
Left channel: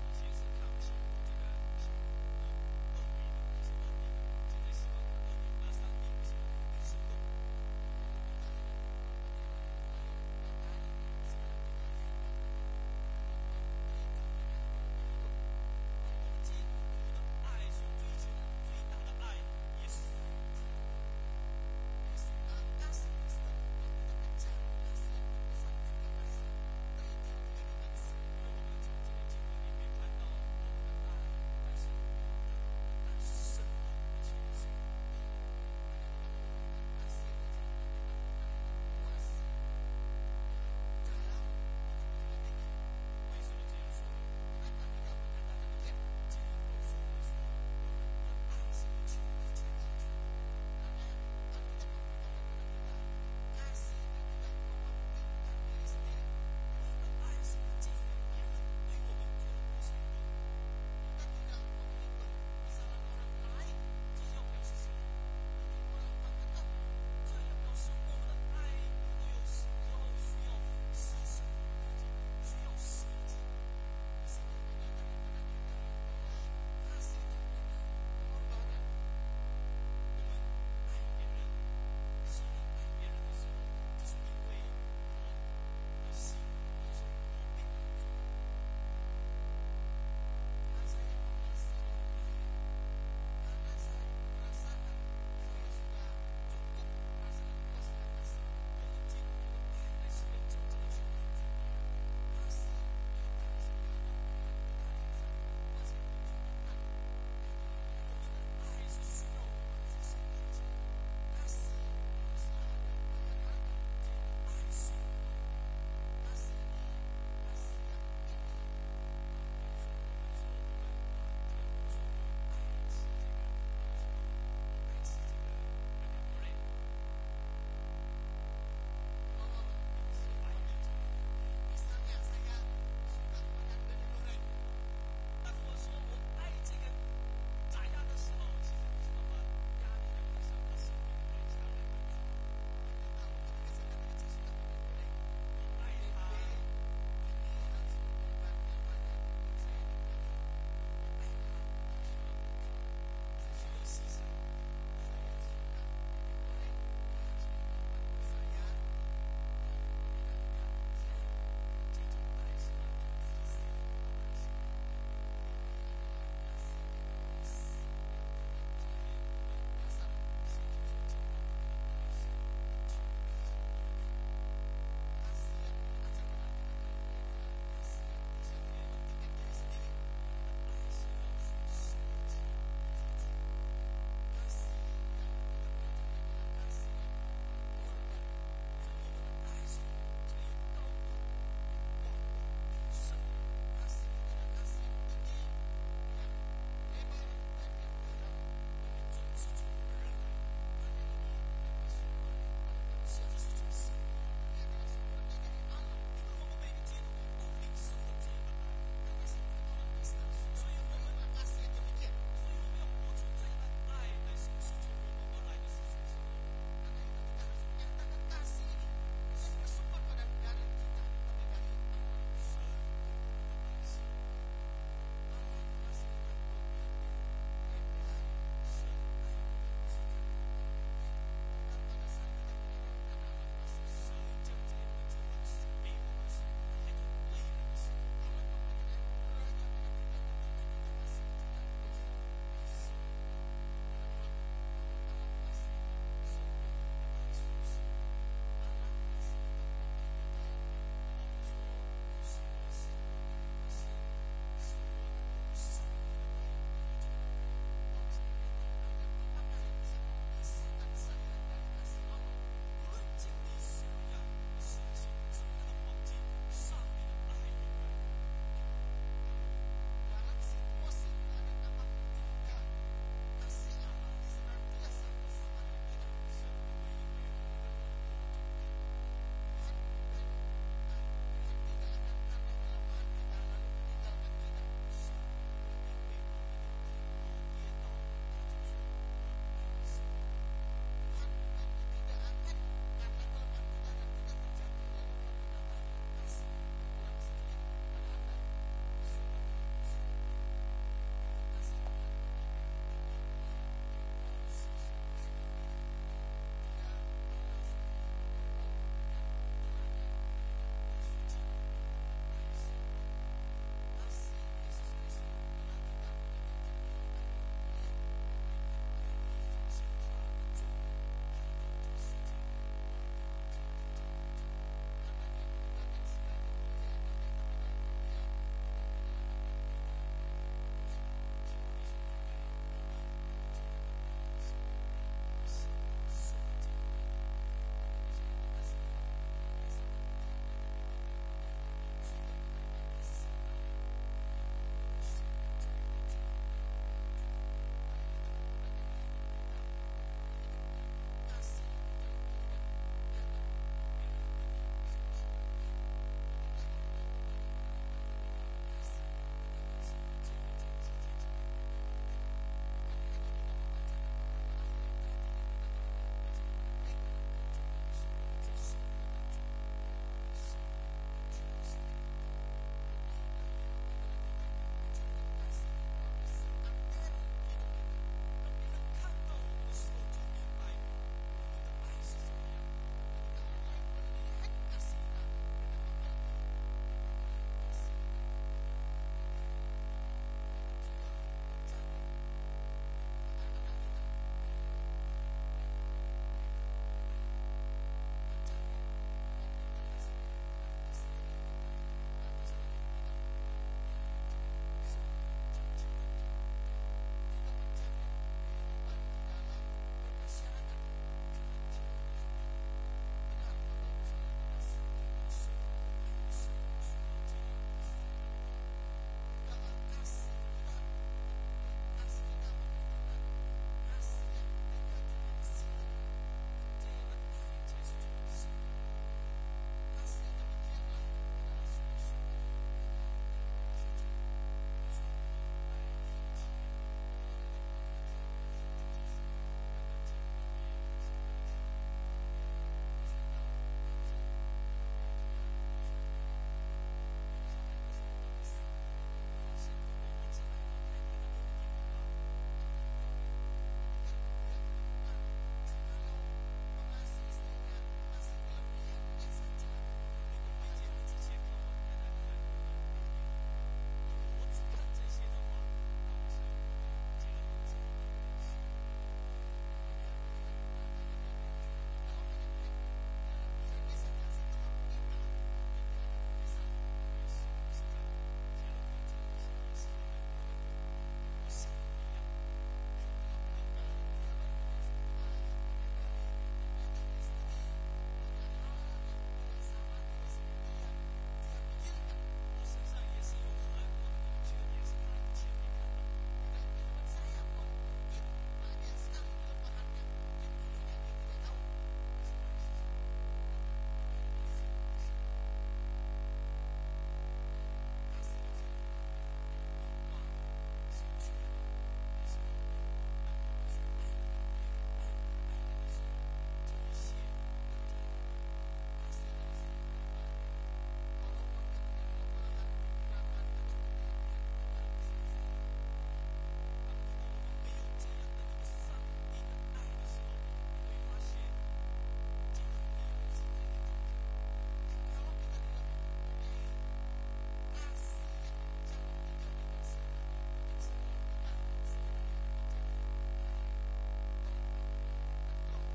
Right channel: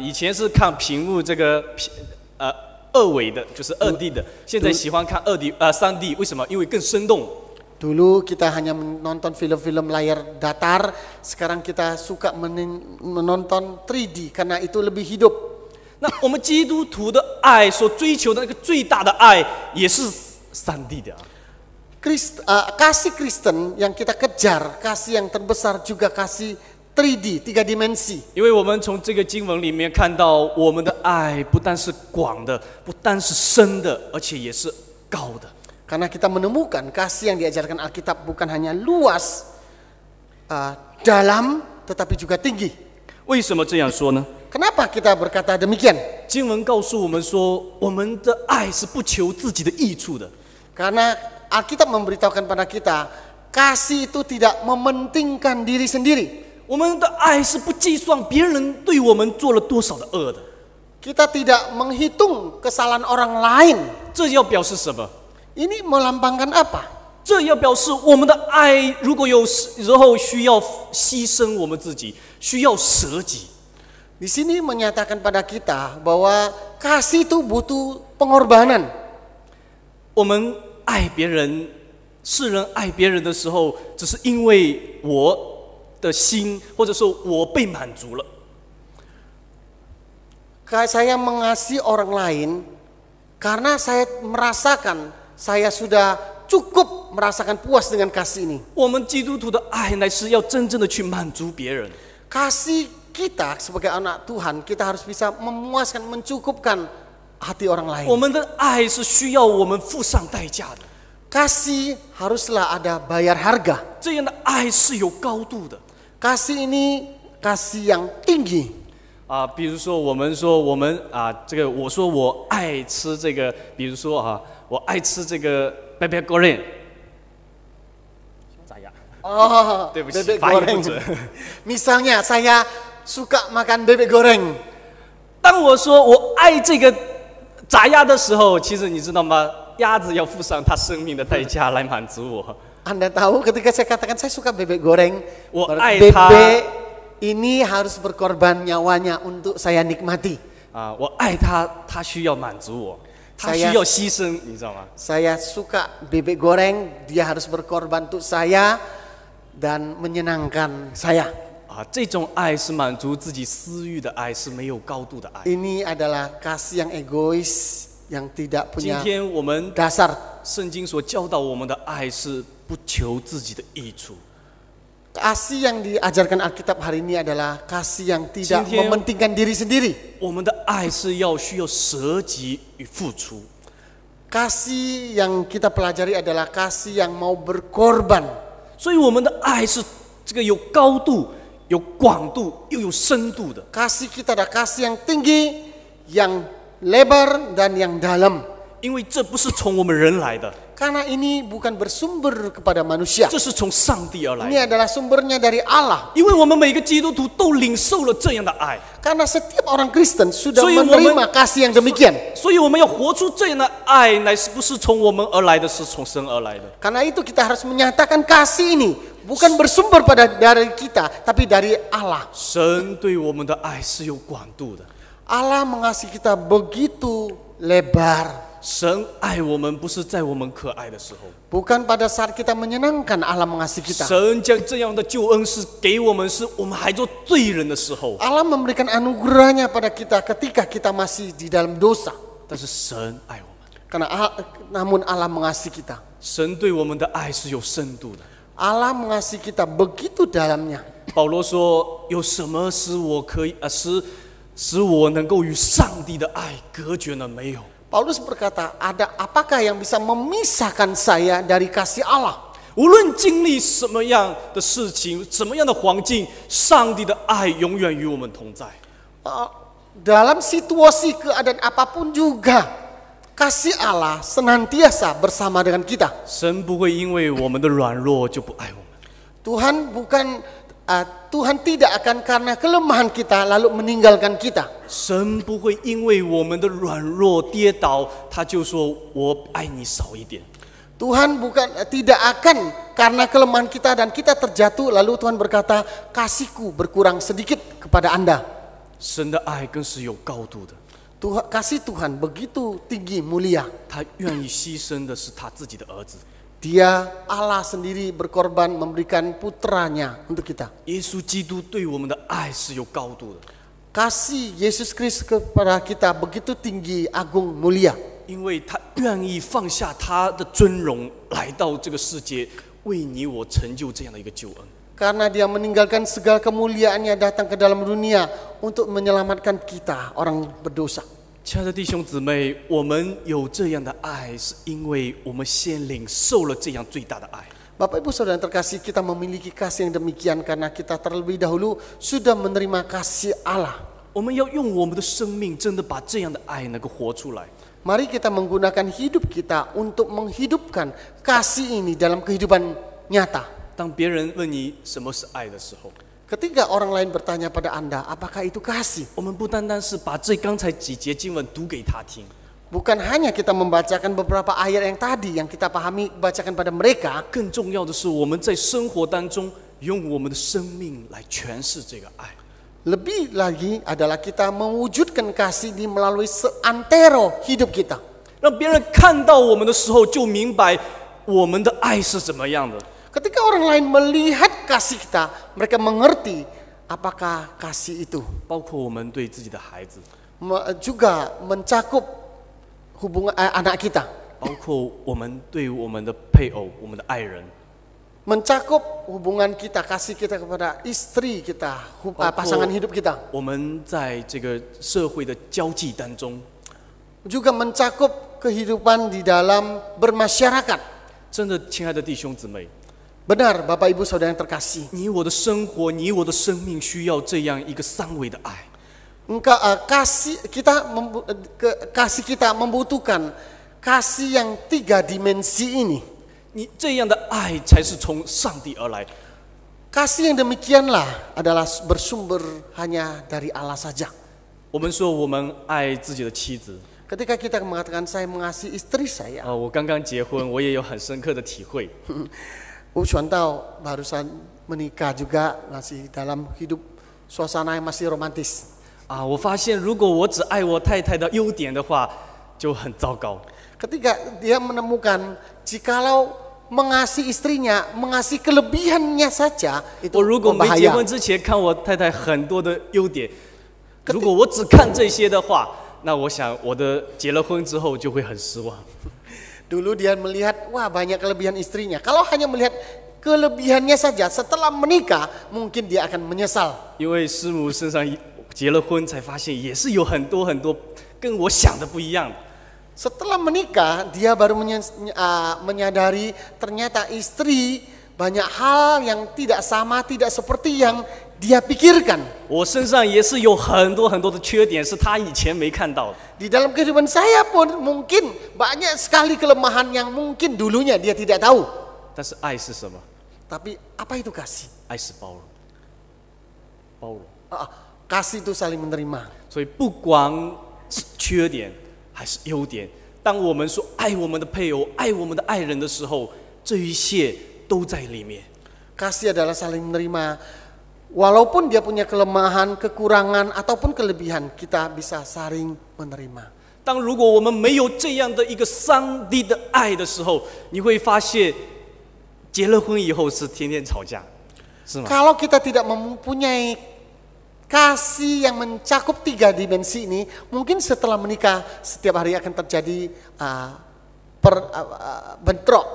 以前是看屏幕这个2维的，就是2D 的，现在喜欢看3D， 为什么？因为更生动。 Dulu kita hanya menonton film-film layar datar, sekarang kita suka menonton 3D karena itu lebih hidup. 那我们基督徒的爱所追求的那个最大的爱，也是3D 的。 Kasih Kristen yang kita kejar, kasih yang terbesar juga kasih 3D, 3 dimensi. 因为我们从这个经文里面看到，我们的爱不但是广的，不但是深的，而且也是高的。 Karena kita menemukan kasih yang diajarkan Alkitab bukan hanya luas, dalam, tetapi juga tinggi. 为什么这样说呢？ Kenapa kita berkata demikian? 经文告诉我们说，我们的爱是不求自己的益处的。 Karena Alkitab memberitahukan pada kita, kasih itu tidak mementingkan diri sendiri. 我们的爱是不计算别人对我们做了多少的恶的。 Kita tidak menghitung kesalahan orang lain. 这要表示什么？ Ini melambangkan apa? 这要表示我们的爱如果有时候需要牺牲我们自己，需要舍己。 Di sini menyatakan pada kita bahwa kasih itu butuh pengorbanan. 我们爱别人，世人爱别人的时候，只是因为我的心，或者说我被满足了。 Saya mengasihi orang lain karena saya merasakan saya sudah cukup merasakan puas dengan kasih ini. 我们基督徒的爱乃是要真正的去满足别人。 Kasih kita sebagai anak Tuhan, kita harus bisa memuaskan, mencukupkan hati orang lain. 我们的爱是需要我们付上代价的。 Kasih haruslah ada bayar harga. 这样的爱是有高度的。 Kasih ini kasih yang tinggi. 比如说我们说我们这个我说我爱吃这个，比如说我爱吃这个bebek goreng。炸鸭。Oh, 对不起， bebek 发音不 goreng. 准。 Misalnya saya suka makan bebek goreng. 当我说我爱这个炸鸭的时候，其实你知道吗？鸭子要付上它生命的代价来满足我。 Anda tahu ketika saya katakan saya suka bebek goreng, bebek ini harus berkorban nyawanya untuk saya nikmati. 我爱它，它需要满足我，它需要牺牲，你知道吗？ Saya suka bebek goreng, dia harus berkorban untuk saya dan menyenangkan saya. 这种爱是满足自己私欲的爱，是没有高度的爱。 Ini adalah kasih yang egois, yang tidak 今 punya 天我们 dasar. 圣经所教导我们的爱是不求自己的益处。 Kasih yang diajarkan Alkitab hari ini adalah kasih yang tidak 今天 mementingkan diri sendiri. 我们的爱是需要舍己与付出。 Kasih yang kita pelajari adalah kasih yang mau berkorban. 所以我们的爱是这个有高度、有广度又有深度的。 Kasih kita adalah kasih yang tinggi, yang lebar dan yang dalam. 因为这不是从我们人来的， Karena ini bukan bersumber kepada manusia. 这是从上帝而来 Ini 的。 adalah sumbernya dari Allah. 因为我们每个基督徒都领受了这样的爱， Karena setiap orang Kristen sudah 所以我们 menerima kasih yang demikian. 所以我们要活出这样的爱，乃是不是从我们而来的，是从神而来的。 Karena itu kita harus menyatakan kasih ini bukan bersumber dari kita, tapi dari Allah. 神对我们的爱是有广度的， Allah mengasihi kita begitu lebar. 神爱我们不是在我们可爱的时候， Bukan pada saat kita menyenangkan Allah mengasihi kita. 神将这样的救恩是给我们，是我们还做罪人的时候。 Allah memberikan anugerahnya pada kita ketika kita masih di dalam dosa. 但是神爱我们， Namun Allah mengasihi kita. 神对我们的爱是有深度的。 Allah mengasihi kita begitu dalamnya. 保罗说：“有什么使我可以使我能够与上帝的爱隔绝呢？没有。 Paulus berkata, apakah yang bisa memisahkan saya dari kasih Allah? 无论经历什么样的事情，什么样的环境，上帝的爱永远与我们同在。 Dalam situasi keadaan apapun juga, kasih Allah senantiasa bersama dengan kita. 神不会因为我们的软弱就不爱我们。 Tuhan tidak akan karena kelemahan kita lalu meninggalkan kita. 神不会因为我们的软弱跌倒，他就说我爱你少一点。 Tuhan tidak akan karena kelemahan kita dan kita terjatuh lalu Tuhan berkata, kasihku berkurang sedikit kepada Anda. 神的爱更是有高度的， Kasih Tuhan begitu tinggi mulia. 他愿意牺牲的是他自己的儿子。 Dia Allah sendiri berkorban memberikan putranya untuk kita. 耶稣基督对我们的爱是有高度的， Kasih Yesus Kristus kepada kita begitu tinggi, agung, mulia. 因为他愿意放下他的尊荣，来到这个世界，为你我成就这样的一个救恩。 Karena dia meninggalkan segala kemuliaannya datang ke dalam dunia untuk menyelamatkan kita, orang berdosa. 亲爱的弟兄姊妹，我们有这样的爱，是因为我们先领受了这样最大的爱。 Bapak Ibu Saudara yang terkasih, kita memiliki kasih yang demikian karena kita terlebih dahulu sudah menerima kasih Allah. 我们要用我们的生命，真的把这样的爱能够活出来。 Mari kita menggunakan hidup kita untuk menghidupkan kasih ini dalam kehidupan nyata. 当别人问你什么是爱的时候， Ketika orang lain bertanya pada Anda, apakah itu kasih? 我们不单单是把刚才几节经文读给他听， Bukan hanya kita membacakan beberapa ayat yang tadi yang kita pahami, bacakan pada mereka. 更重要的是我们在生活当中用我们的生命来诠释这个爱。 Lebih lagi adalah kita mewujudkan kasih di melalui seantero hidup kita. 让别人看到我们的时候，就明白我们的爱是怎么样的。 Ketika orang lain melihat kasih kita, mereka mengerti apakah kasih itu 包括我们对自己的孩子， juga mencakup hubungan anak kita, 包括我们对我们的配偶、我们的爱人， mencakup hubungan kita, kasih kita kepada istri kita, pasangan hidup kita, 我们在这个社会的交际当中， juga mencakup kehidupan di dalam bermasyarakat. 真的，亲爱的弟兄姊妹， Benar, Bapak Ibu Saudara yang terkasih. 你我的生活，你我的生命需要这样一个三维的爱。 Kasih kita membutuhkan kasih yang 3 dimensi ini. 你这样的爱才是从上帝而来。 Kasih yang demikianlah adalah bersumber hanya dari Allah saja. 我们说我们爱自己的妻子， Ketika kita mengatakan saya mengasihi istri saya, 我刚刚结婚，我也有很深刻的体会。 Bu Suwanto barusan menikah juga, masih dalam hidup suasana yang masih romantis. 我发现如果我只爱我太太的优点的话，就很糟糕。 Ketika dia menemukan jikalau mengasihi istrinya, mengasihi kelebihannya saja, itu 我如果没结 berbahaya. 婚之前看我太太很多的优点，如果我只看这些的话，那我想我的结了婚之后就会很失望。 Dulu dia melihat, wah banyak kelebihan istrinya. Kalau hanya melihat kelebihannya saja, setelah menikah mungkin dia akan menyesal. 因为师母身上结了婚才发现，也是有很多跟我想的不一样。 Setelah menikah, dia baru menyadari ternyata istri banyak hal yang tidak sama, tidak seperti yang dia pikirkan. 我身上也是有很多的缺点，是他以前没看到的。 Di dalam kehidupan saya pun mungkin banyak sekali kelemahan yang mungkin dulunya dia tidak tahu. 但是爱是什么？ Tapi apa itu kasih? 爱是包容，包容。 Kasih itu saling menerima. 所以不管是缺点还是优点，当我们说爱我们的配偶、爱我们的爱人的时候，这一切都在里面。Kasih adalah saling menerima. Walaupun dia punya kelemahan, kekurangan, ataupun kelebihan, kita bisa saling menerima. 当如果我们没有这样的一个上帝的爱的时候，你会发现，结了婚以后是天天吵架，是吗？ Kalau kita tidak mempunyai kasih yang mencakup 3 dimensi ini, mungkin setelah menikah setiap hari akan terjadi bentrok.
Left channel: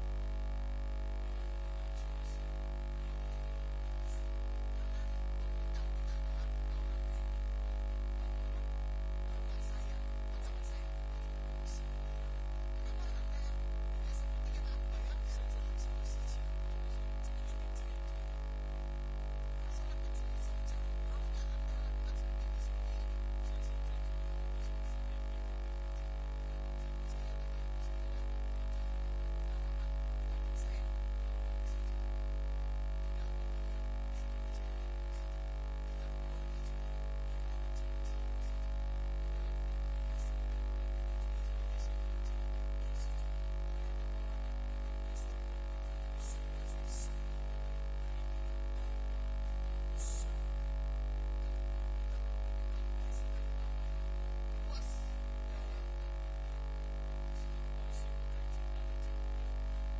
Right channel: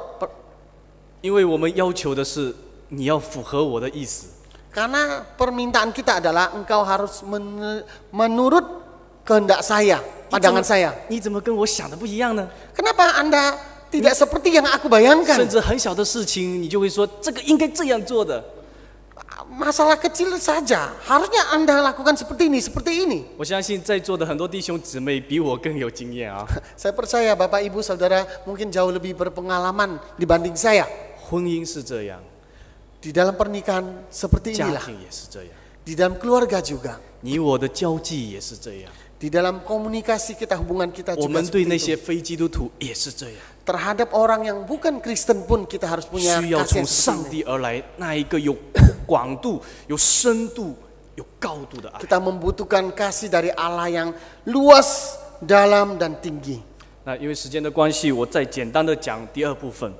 因为我们要求的是你要符合我的意思。 Karena permintaan kita adalah engkau harus menurut kehendak saya, pandangan saya. 你怎么跟我想的不一样呢？ Kenapa Anda tidak seperti yang aku bayangkan? 甚至很小的事情，你就会说这个应该这样做的。 Masalah kecil saja, harusnya Anda lakukan seperti ini, seperti ini. 我相信在座的很多弟兄姊妹比我更有经验啊。 Saya percaya Bapak Ibu Saudara mungkin jauh lebih berpengalaman dibanding saya. 婚姻是这样， Di dalam pernikahan seperti 家 inilah. 庭也是这样， Di dalam keluarga juga. 你我的交际也是这样， Di dalam komunikasi kita, hubungan kita 我 juga 们对 seperti 那 itu. 些非基督徒也是这样， Terhadap orang yang bukan Kristen pun kita harus punya 需要 kasih 从 yang 上 seperti ini. 帝而来那一个有广度、有深度、有高度的爱。 Kita membutuhkan kasih dari Allah yang luas, dalam, dan tinggi. 那因为时间的关系，我再简单的讲第二部分。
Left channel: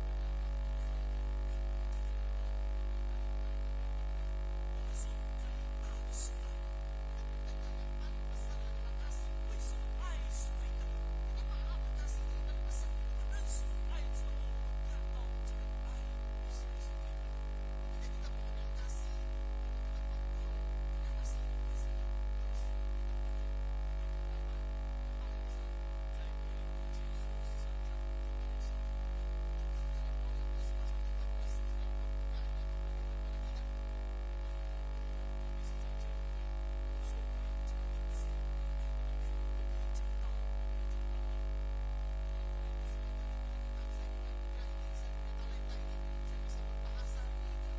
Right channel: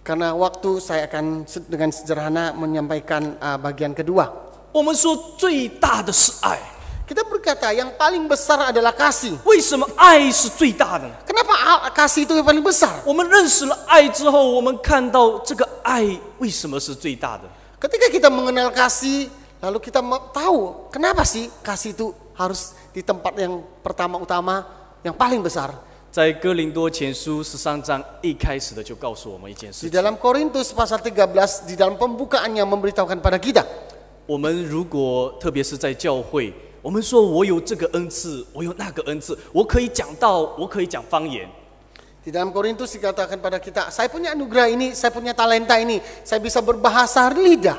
Karena waktu saya akan dengan sederhana menyampaikan bagian kedua. 我们说最大的是爱， Kita berkata yang paling besar adalah kasih. 为什么爱是最大的呢？ Kenapa kasih itu yang paling besar? 我们认识了爱之后，我们看到这个爱为什么是最大的？ Ketika kita mengenal kasih, lalu kita tahu kenapa sih kasih itu harus di tempat yang pertama utama, yang paling besar. 在哥林多前书13章一开始的就告诉我们一件 Di 事： dalam Korintus pasal 13, di dalam pembukaannya memberitahukan pada kita, 我们如果特别是在教会，我们说我有这个恩赐，我有那个恩赐，我可以讲道，我可以讲方言。 di dalam Korintus dikatakan pada kita, saya punya anugerah ini, saya punya talenta ini, saya bisa berbahasa lidah.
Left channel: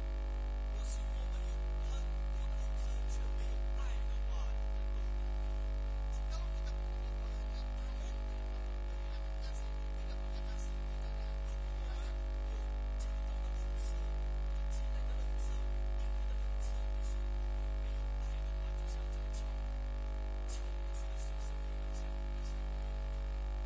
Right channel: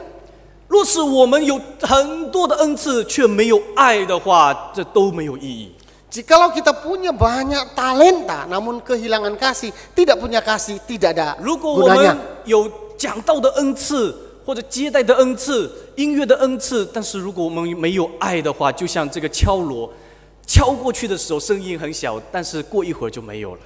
若是我们有很多的恩赐，却没有爱的话，这都没有意义。 Jikalau kita punya banyak talenta, namun kehilangan kasih, tidak punya kasih, tidak ada 如果我们 gunanya. 有讲道的恩赐，或者接待的恩赐、音乐的恩赐，但是如果我们没有爱的话，就像这个敲锣，敲过去的时候声音很小，但是过一会儿就没有了。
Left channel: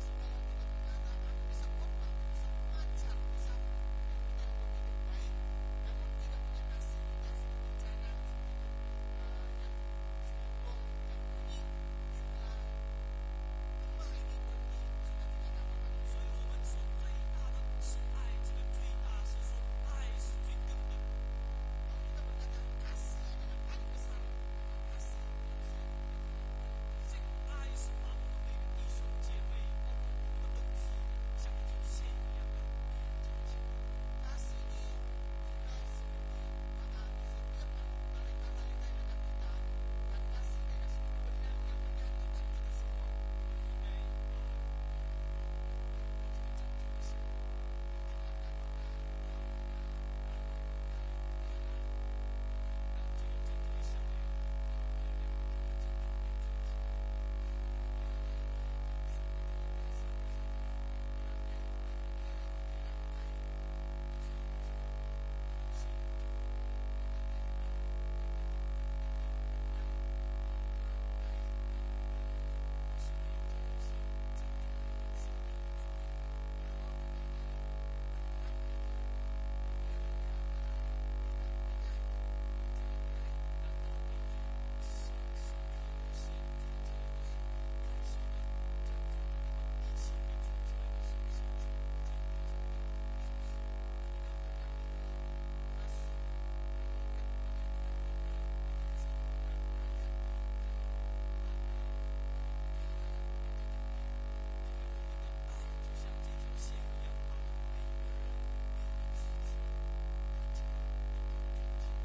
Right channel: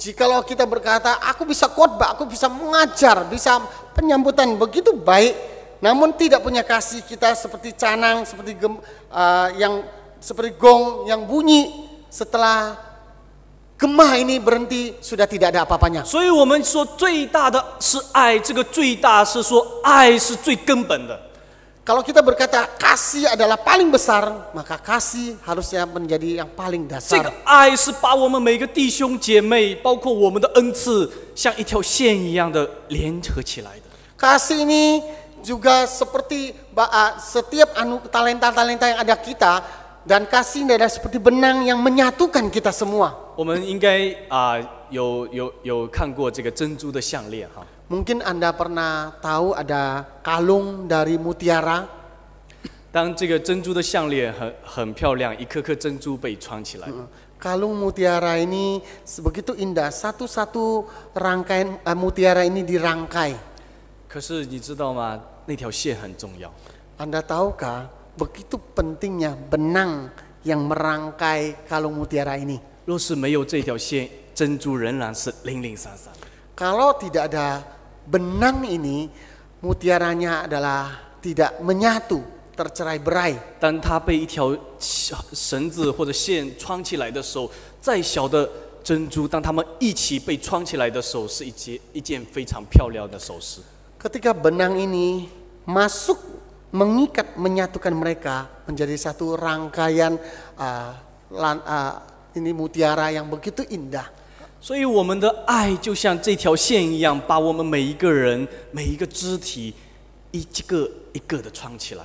Jikalau kita berkata, aku bisa khotbah, aku bisa mengajar, bisa penyambutan begitu baik, namun tidak punya kasih, kita seperti canang, seperti yang seperti gong yang bunyi setelah gemah ini berhenti, sudah tidak ada apa-apanya. 所以我们说最大的是爱，这个最大是说爱是最根本的。 Kalau kita berkata kasih adalah paling besar, maka kasih harusnya menjadi yang paling 这个 dasar. 爱是把我们每个弟兄姐妹，包括我们的恩赐，像一条线一样的联合起来的。 Kasih ini juga seperti setiap talenta-talenta yang ada kita, dan kasih ini adalah seperti benang yang menyatukan kita semua. 我们应该有看过这个珍珠的项链哈。 Mungkin Anda pernah tahu ada kalung dari mutiara. 当这个珍珠的项链很漂亮，一颗颗珍珠被穿起来， Kalung mutiara ini begitu indah, satu-satu rangkaian mutiara ini dirangkai. 可是你知道吗？那条线很重要。 Anda tahukah begitu pentingnya benang yang merangkai kalung mutiara ini? 若是没有这条线，珍珠仍然是零零散散。 Kalau tidak ada benang ini, mutiaranya adalah tidak menyatu, tercerai-berai. 当它被一条绳子或者线穿起来的时候，再小的珍珠，当它们一起被穿起来的时候，是一件非常漂亮的首饰。 Ketika benang ini masuk, mengikat, menyatukan mereka menjadi satu rangkaian ini mutiara yang begitu indah. 所以我们的爱就像这条线一样，把我们每一个人、每一个肢体，一个一个的穿起来。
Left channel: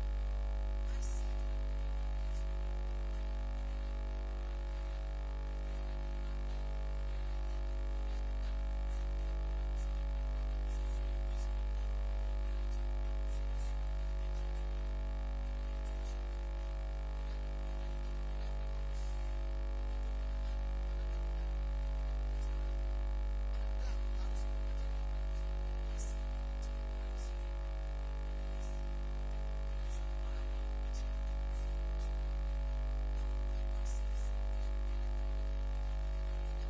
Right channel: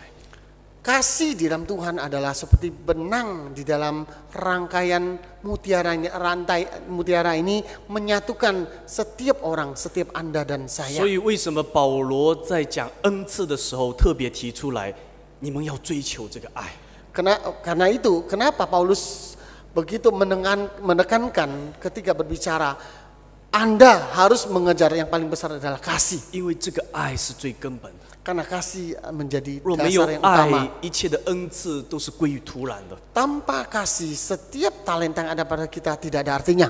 Kasih di dalam Tuhan adalah seperti benang di dalam rangkaian mutiara ini, rantai mutiara ini menyatukan setiap orang, setiap Anda dan saya. 所以为什么保罗在讲恩赐的时候特别提出来，你们要追求这个爱？ Karena itu, kenapa Paulus begitu menekankan ketika berbicara, Anda harus mengejar yang paling besar adalah kasih. 因为这个爱是最根本的。karena kasih menjadi 若没有 dasar yang utama. 爱，一切的恩赐都是归于突然的。 Tanpa kasih, setiap talenta yang ada pada kita tidak ada artinya.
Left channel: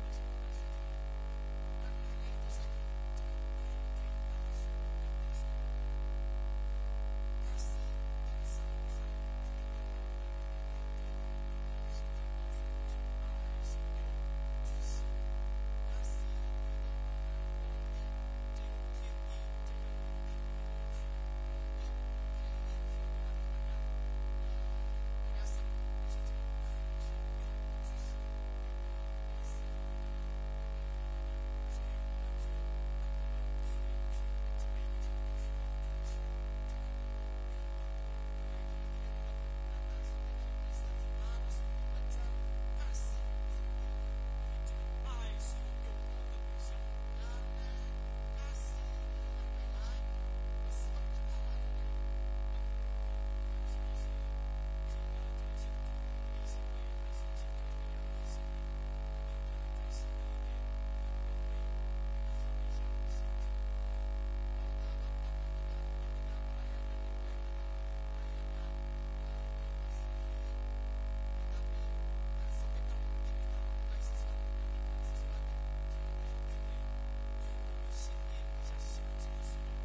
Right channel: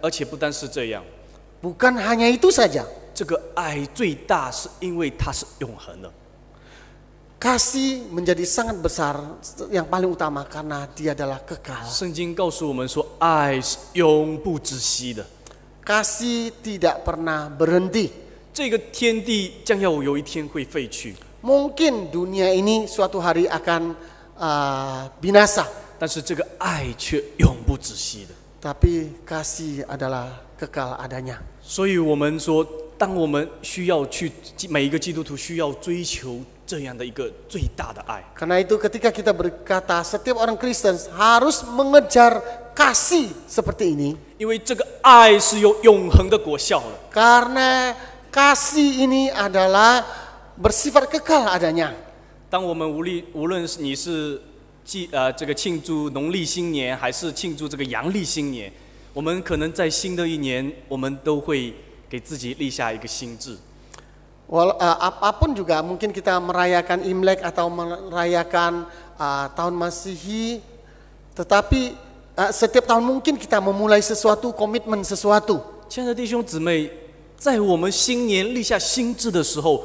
而且不单是这样， Bukan hanya itu saja. 这个爱最大是因为它是永恒的。 Kasih menjadi sangat besar, yang paling utama karena dia adalah kekal. 圣经告诉我们说，爱是永不止息的。 Kasih tidak pernah berhenti. 这个天地将要有一天会废去， Mungkin dunia ini suatu hari akan binasa, 但是这个爱却永不止息的。 tapi kasih adalah kekal adanya. 所以我们说，当我们需要去每一个基督徒需要追求这样的一个最大的爱。 Karena itu ketika kita berkata setiap orang Kristen harus mengejar kasih seperti ini, 因为这个爱是有永恒的果效的。 karena kasih ini adalah bersifat kekal adanya. 当我们无论是你是这个庆祝农历新年，还是庆祝这个阳历新年，我们可能在新的一年，我们都会给自己立下一个心志。 Apapun juga mungkin kita merayakan Imlek atau merayakan tahun Masihi, tetapi setiap tahun mungkin kita memulai sesuatu, komitmen sesuatu. 亲爱的弟兄姊妹，在我们新年立下心志的时候，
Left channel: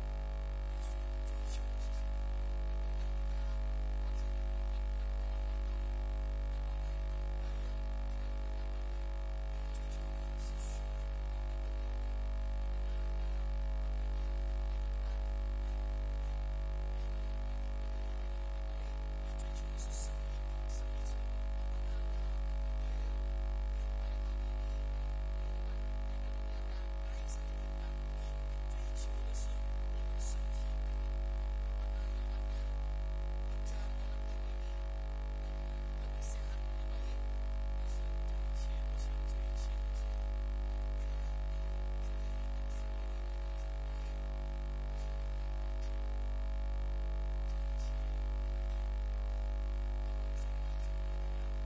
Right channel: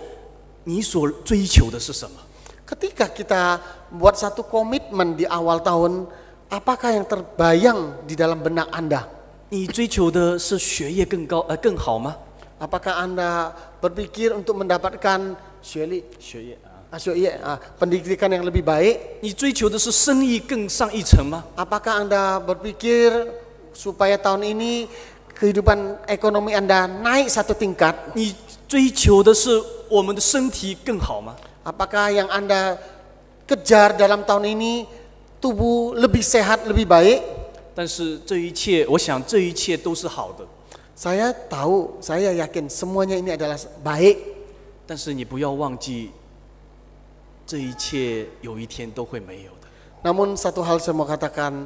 你所追求的是什么？ Ketika kita buat satu komitmen di awal tahun, apakah yang terbayang di dalam benak Anda? 你追求的是学业更好吗？ Apakah Anda berpikir untuk mendapatkan 学业 pendidikan yang lebih baik? 你追求的是生意更上一层吗？ Apakah Anda berpikir supaya tahun ini kehidupan ekonomi Anda naik satu tingkat? 你追求的是我们的身体更好吗？ Apakah yang Anda kejar dalam tahun ini tubuh lebih sehat, lebih baik? 但是这一切，我想这一切都是好的。 Saya tahu, saya yakin semuanya ini adalah baik. 但是你不要忘记，这一切有一天都会没有的。 Namun satu hal saya mau katakan,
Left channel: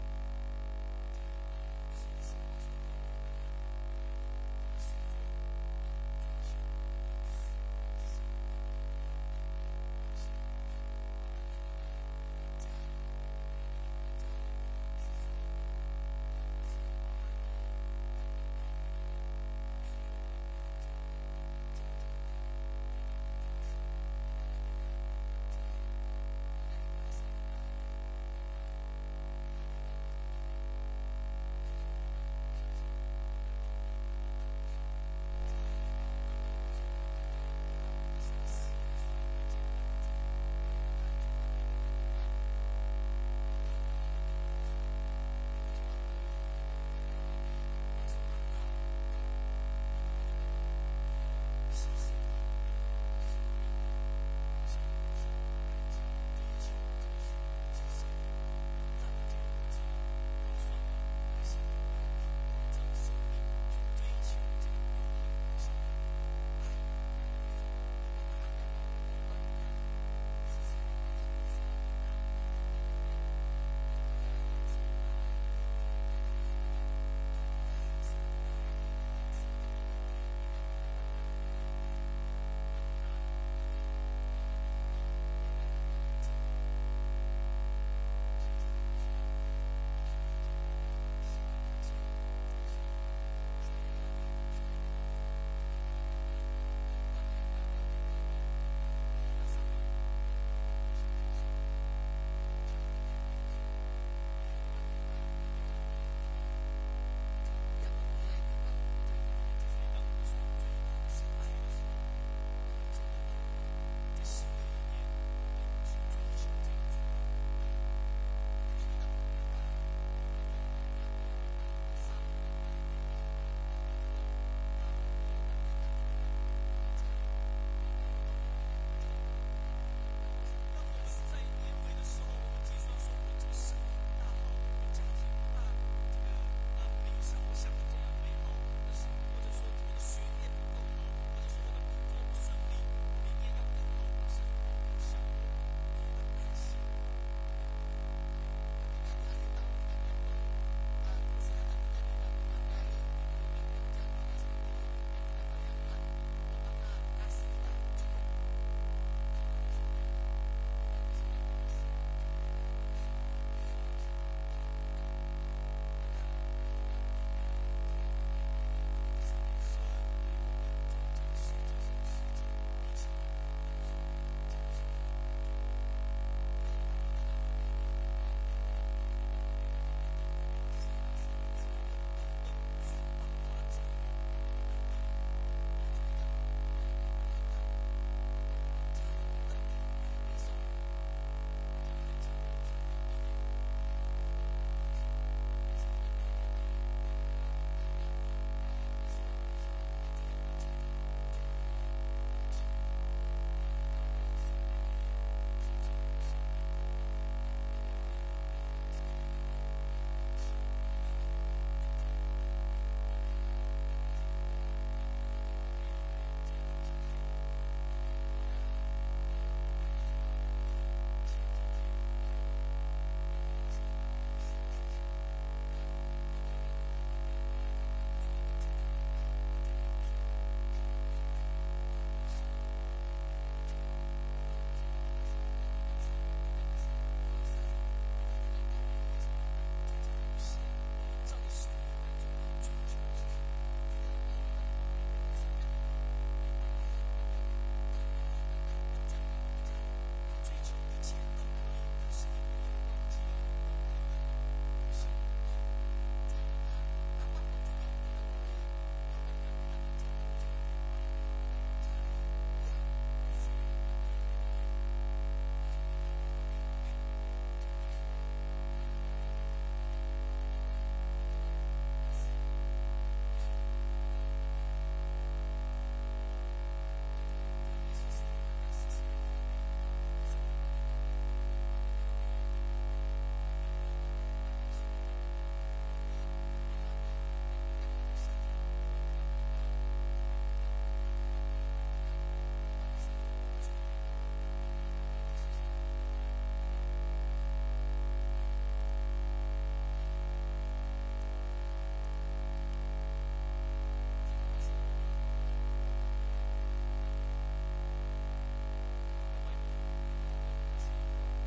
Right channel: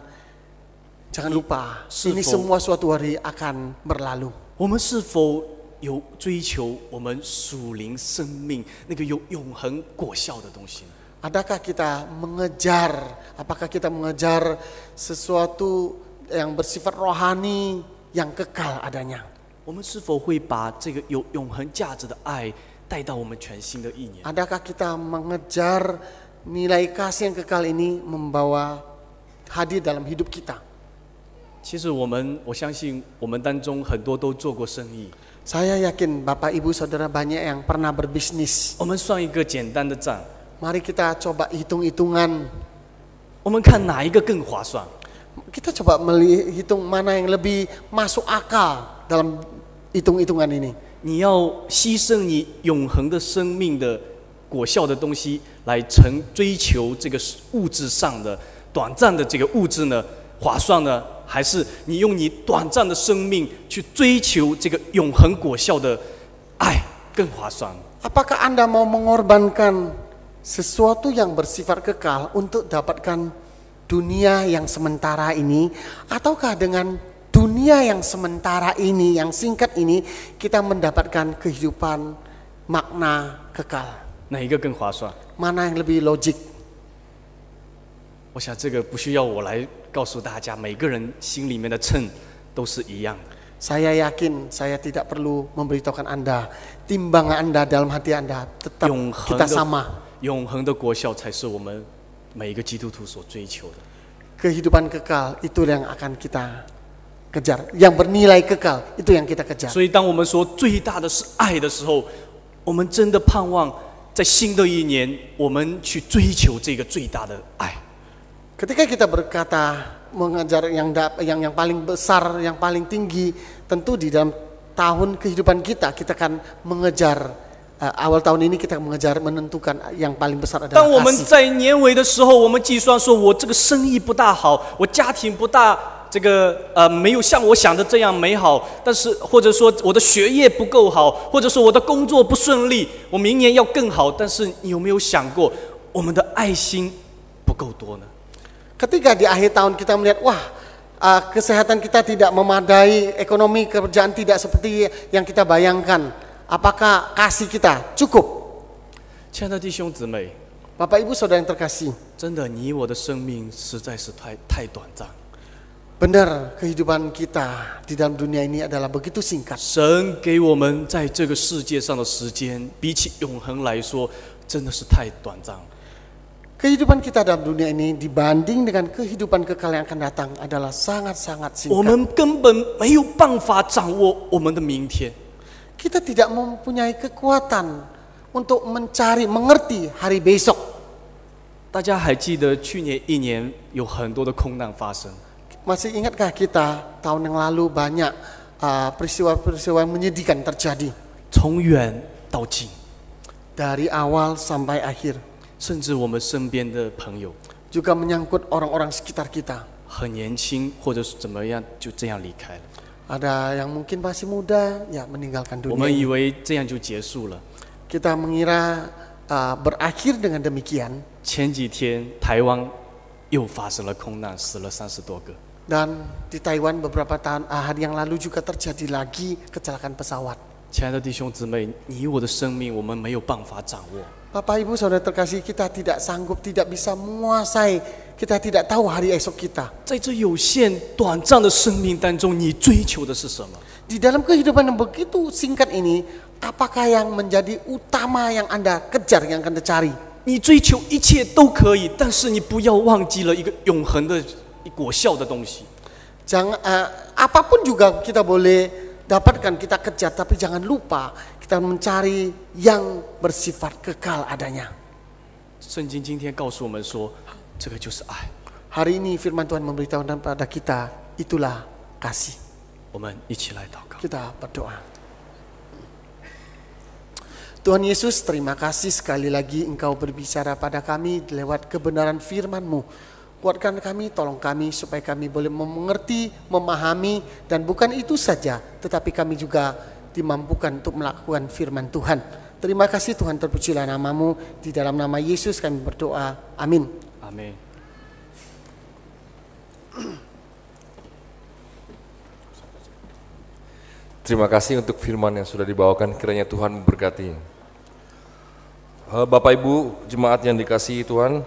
jangan lupa, ini semua suatu hari akan berlalu. 我们是否有追求我们属灵生命那个有永恒果效的东西？ Adakah kita mengejar, apakah kita mengejar sesuatu yang bersifat rohani yang kekal adanya? 我们是否会把这个有永恒价值的爱带到我们全新的一年？ Adakah kita mengejar nilai kasih yang kekal ini membawa hadir dalam hidup kita? 其实我相信我们当中很多都做过生意。 Saya yakin Bapak Ibu Saudara banyak yang pernah berbisnis. 我们算一个简单的账， Mari kita coba hitung-hitungan. 我们看哪一个更划算？ Kita coba melihitung mana yang lebih masuk akal dalam hitung-hitungan ini. 你要牺牲你永恒的生命的果效的东西，来追求这个物质上的短暂的这个物质呢，划算呢？还是你用你短暂的生命去追求这个永恒果效的爱更划算？ Apakah Anda mau mengorbankan sesuatu yang bersifat kekal untuk dapatkan dunia yang sementara ini, ataukah dengan dunia yang sementara ini, yang singkat ini, kita mendapatkan kehidupan makna kekal? 哪一个更划算？ Mana yang lebih logik? 我想这个不需要我来告诉大家，每个人心里面的秤都是一样的。 Saya yakin saya tidak perlu memberitahukan Anda, timbangan Anda dalam hati Anda tetap kita sama. 永恒的果效才是我们每一个基督徒所追求的。 Kehidupan kekal itu yang akan kita kejar, yang bernilai kekal itu yang kita kejar. 所以，当我们说最大的是爱的时候，我们真的盼望在新的一年，我们去追求这个最大的爱。 Ketika kita berkata mengejar yang paling besar, yang paling tinggi, tentu di dalam tahun kehidupan kita akan mengejar awal tahun ini kita mengejar menentukan yang paling besar adalah 当我们 kasih. 在年尾的时候，我们计算说，我这个生意不大好，我家庭不大这个没有像我想的这样美好，但是或者说我的学业不够好，或者说我的工作不顺利，我明年要更好，但是你有没有想过，我们的爱心不够多呢？ Ketika di akhir tahun kita melihat, wah, kesehatan kita tidak memadai, ekonomi kerjaan tidak seperti yang kita bayangkan, apakah kasih kita cukup? 亲爱的弟兄姊妹， Bapak Ibu Saudara yang terkasih, 真的，你我的生命实在是太短暂。 benar kehidupan kita di dalam dunia ini adalah begitu singkat. 神给我们在这个世界上的时间，比起永恒来说，真的是太短暂。 Kehidupan kita dalam dunia ini dibanding dengan kehidupan kekal yang akan datang adalah sangat-sangat 我 singkat. 们根本没有办法掌握我们的明天。 Kita tidak mempunyai kekuatan untuk mencari, mengerti hari besok. 大家还记得去年一年有很多的空难发生， Masih ingatkah kita tahun yang lalu banyak peristiwa-peristiwa yang menyedihkan terjadi 从远到近， dari awal sampai akhir, 甚至我们身边的朋友 juga menyangkut orang-orang sekitar kita. 很年轻，或者是怎么样，就这样离开了。 Ada yang mungkin masih muda, ya meninggalkan 我 dunia 们以 ini. 为这样就结束了。 Kita mengira berakhir dengan demikian. 前几天台湾又发生了空难，死了30多个。 Dan di Taiwan beberapa hari yang lalu juga terjadi lagi kecelakaan pesawat. 亲爱的弟兄姊妹，你我的生命我们没有办法掌握， Bapak Ibu Saudara terkasih, kita tidak sanggup, tidak bisa menguasai, kita tidak tahu hari esok kita. 在这有限短暂的生命当中，你追求的是什么？ Di dalam kehidupan yang begitu singkat ini, apakah yang menjadi utama yang Anda kejar, yang Anda cari? 你追求一切都可以，但是你不要忘记了一个永恒的果效的东西。 Jangan, apapun juga kita boleh dapatkan, kita kejar, tapi jangan lupa kita mencari yang bersifat kekal adanya. 圣经今天告诉我们说，这个就是爱。 Hari ini firman Tuhan memberitahukan kepada kita, itulah kasih. 我们一起来祷告。 Kita berdoa. Tuhan Yesus, terima kasih sekali lagi Engkau berbicara pada kami lewat kebenaran firman-Mu. Kuatkan kami, tolong kami supaya kami boleh mengerti, memahami, dan bukan itu saja, tetapi kami juga dimampukan untuk melakukan firman Tuhan. Terima kasih Tuhan, terpujilah nama-Mu. Di dalam nama Yesus kami berdoa. Amin. Amin. Terima kasih untuk firman yang sudah dibawakan, kiranya Tuhan memberkati. Bapak Ibu jemaat yang dikasihi Tuhan,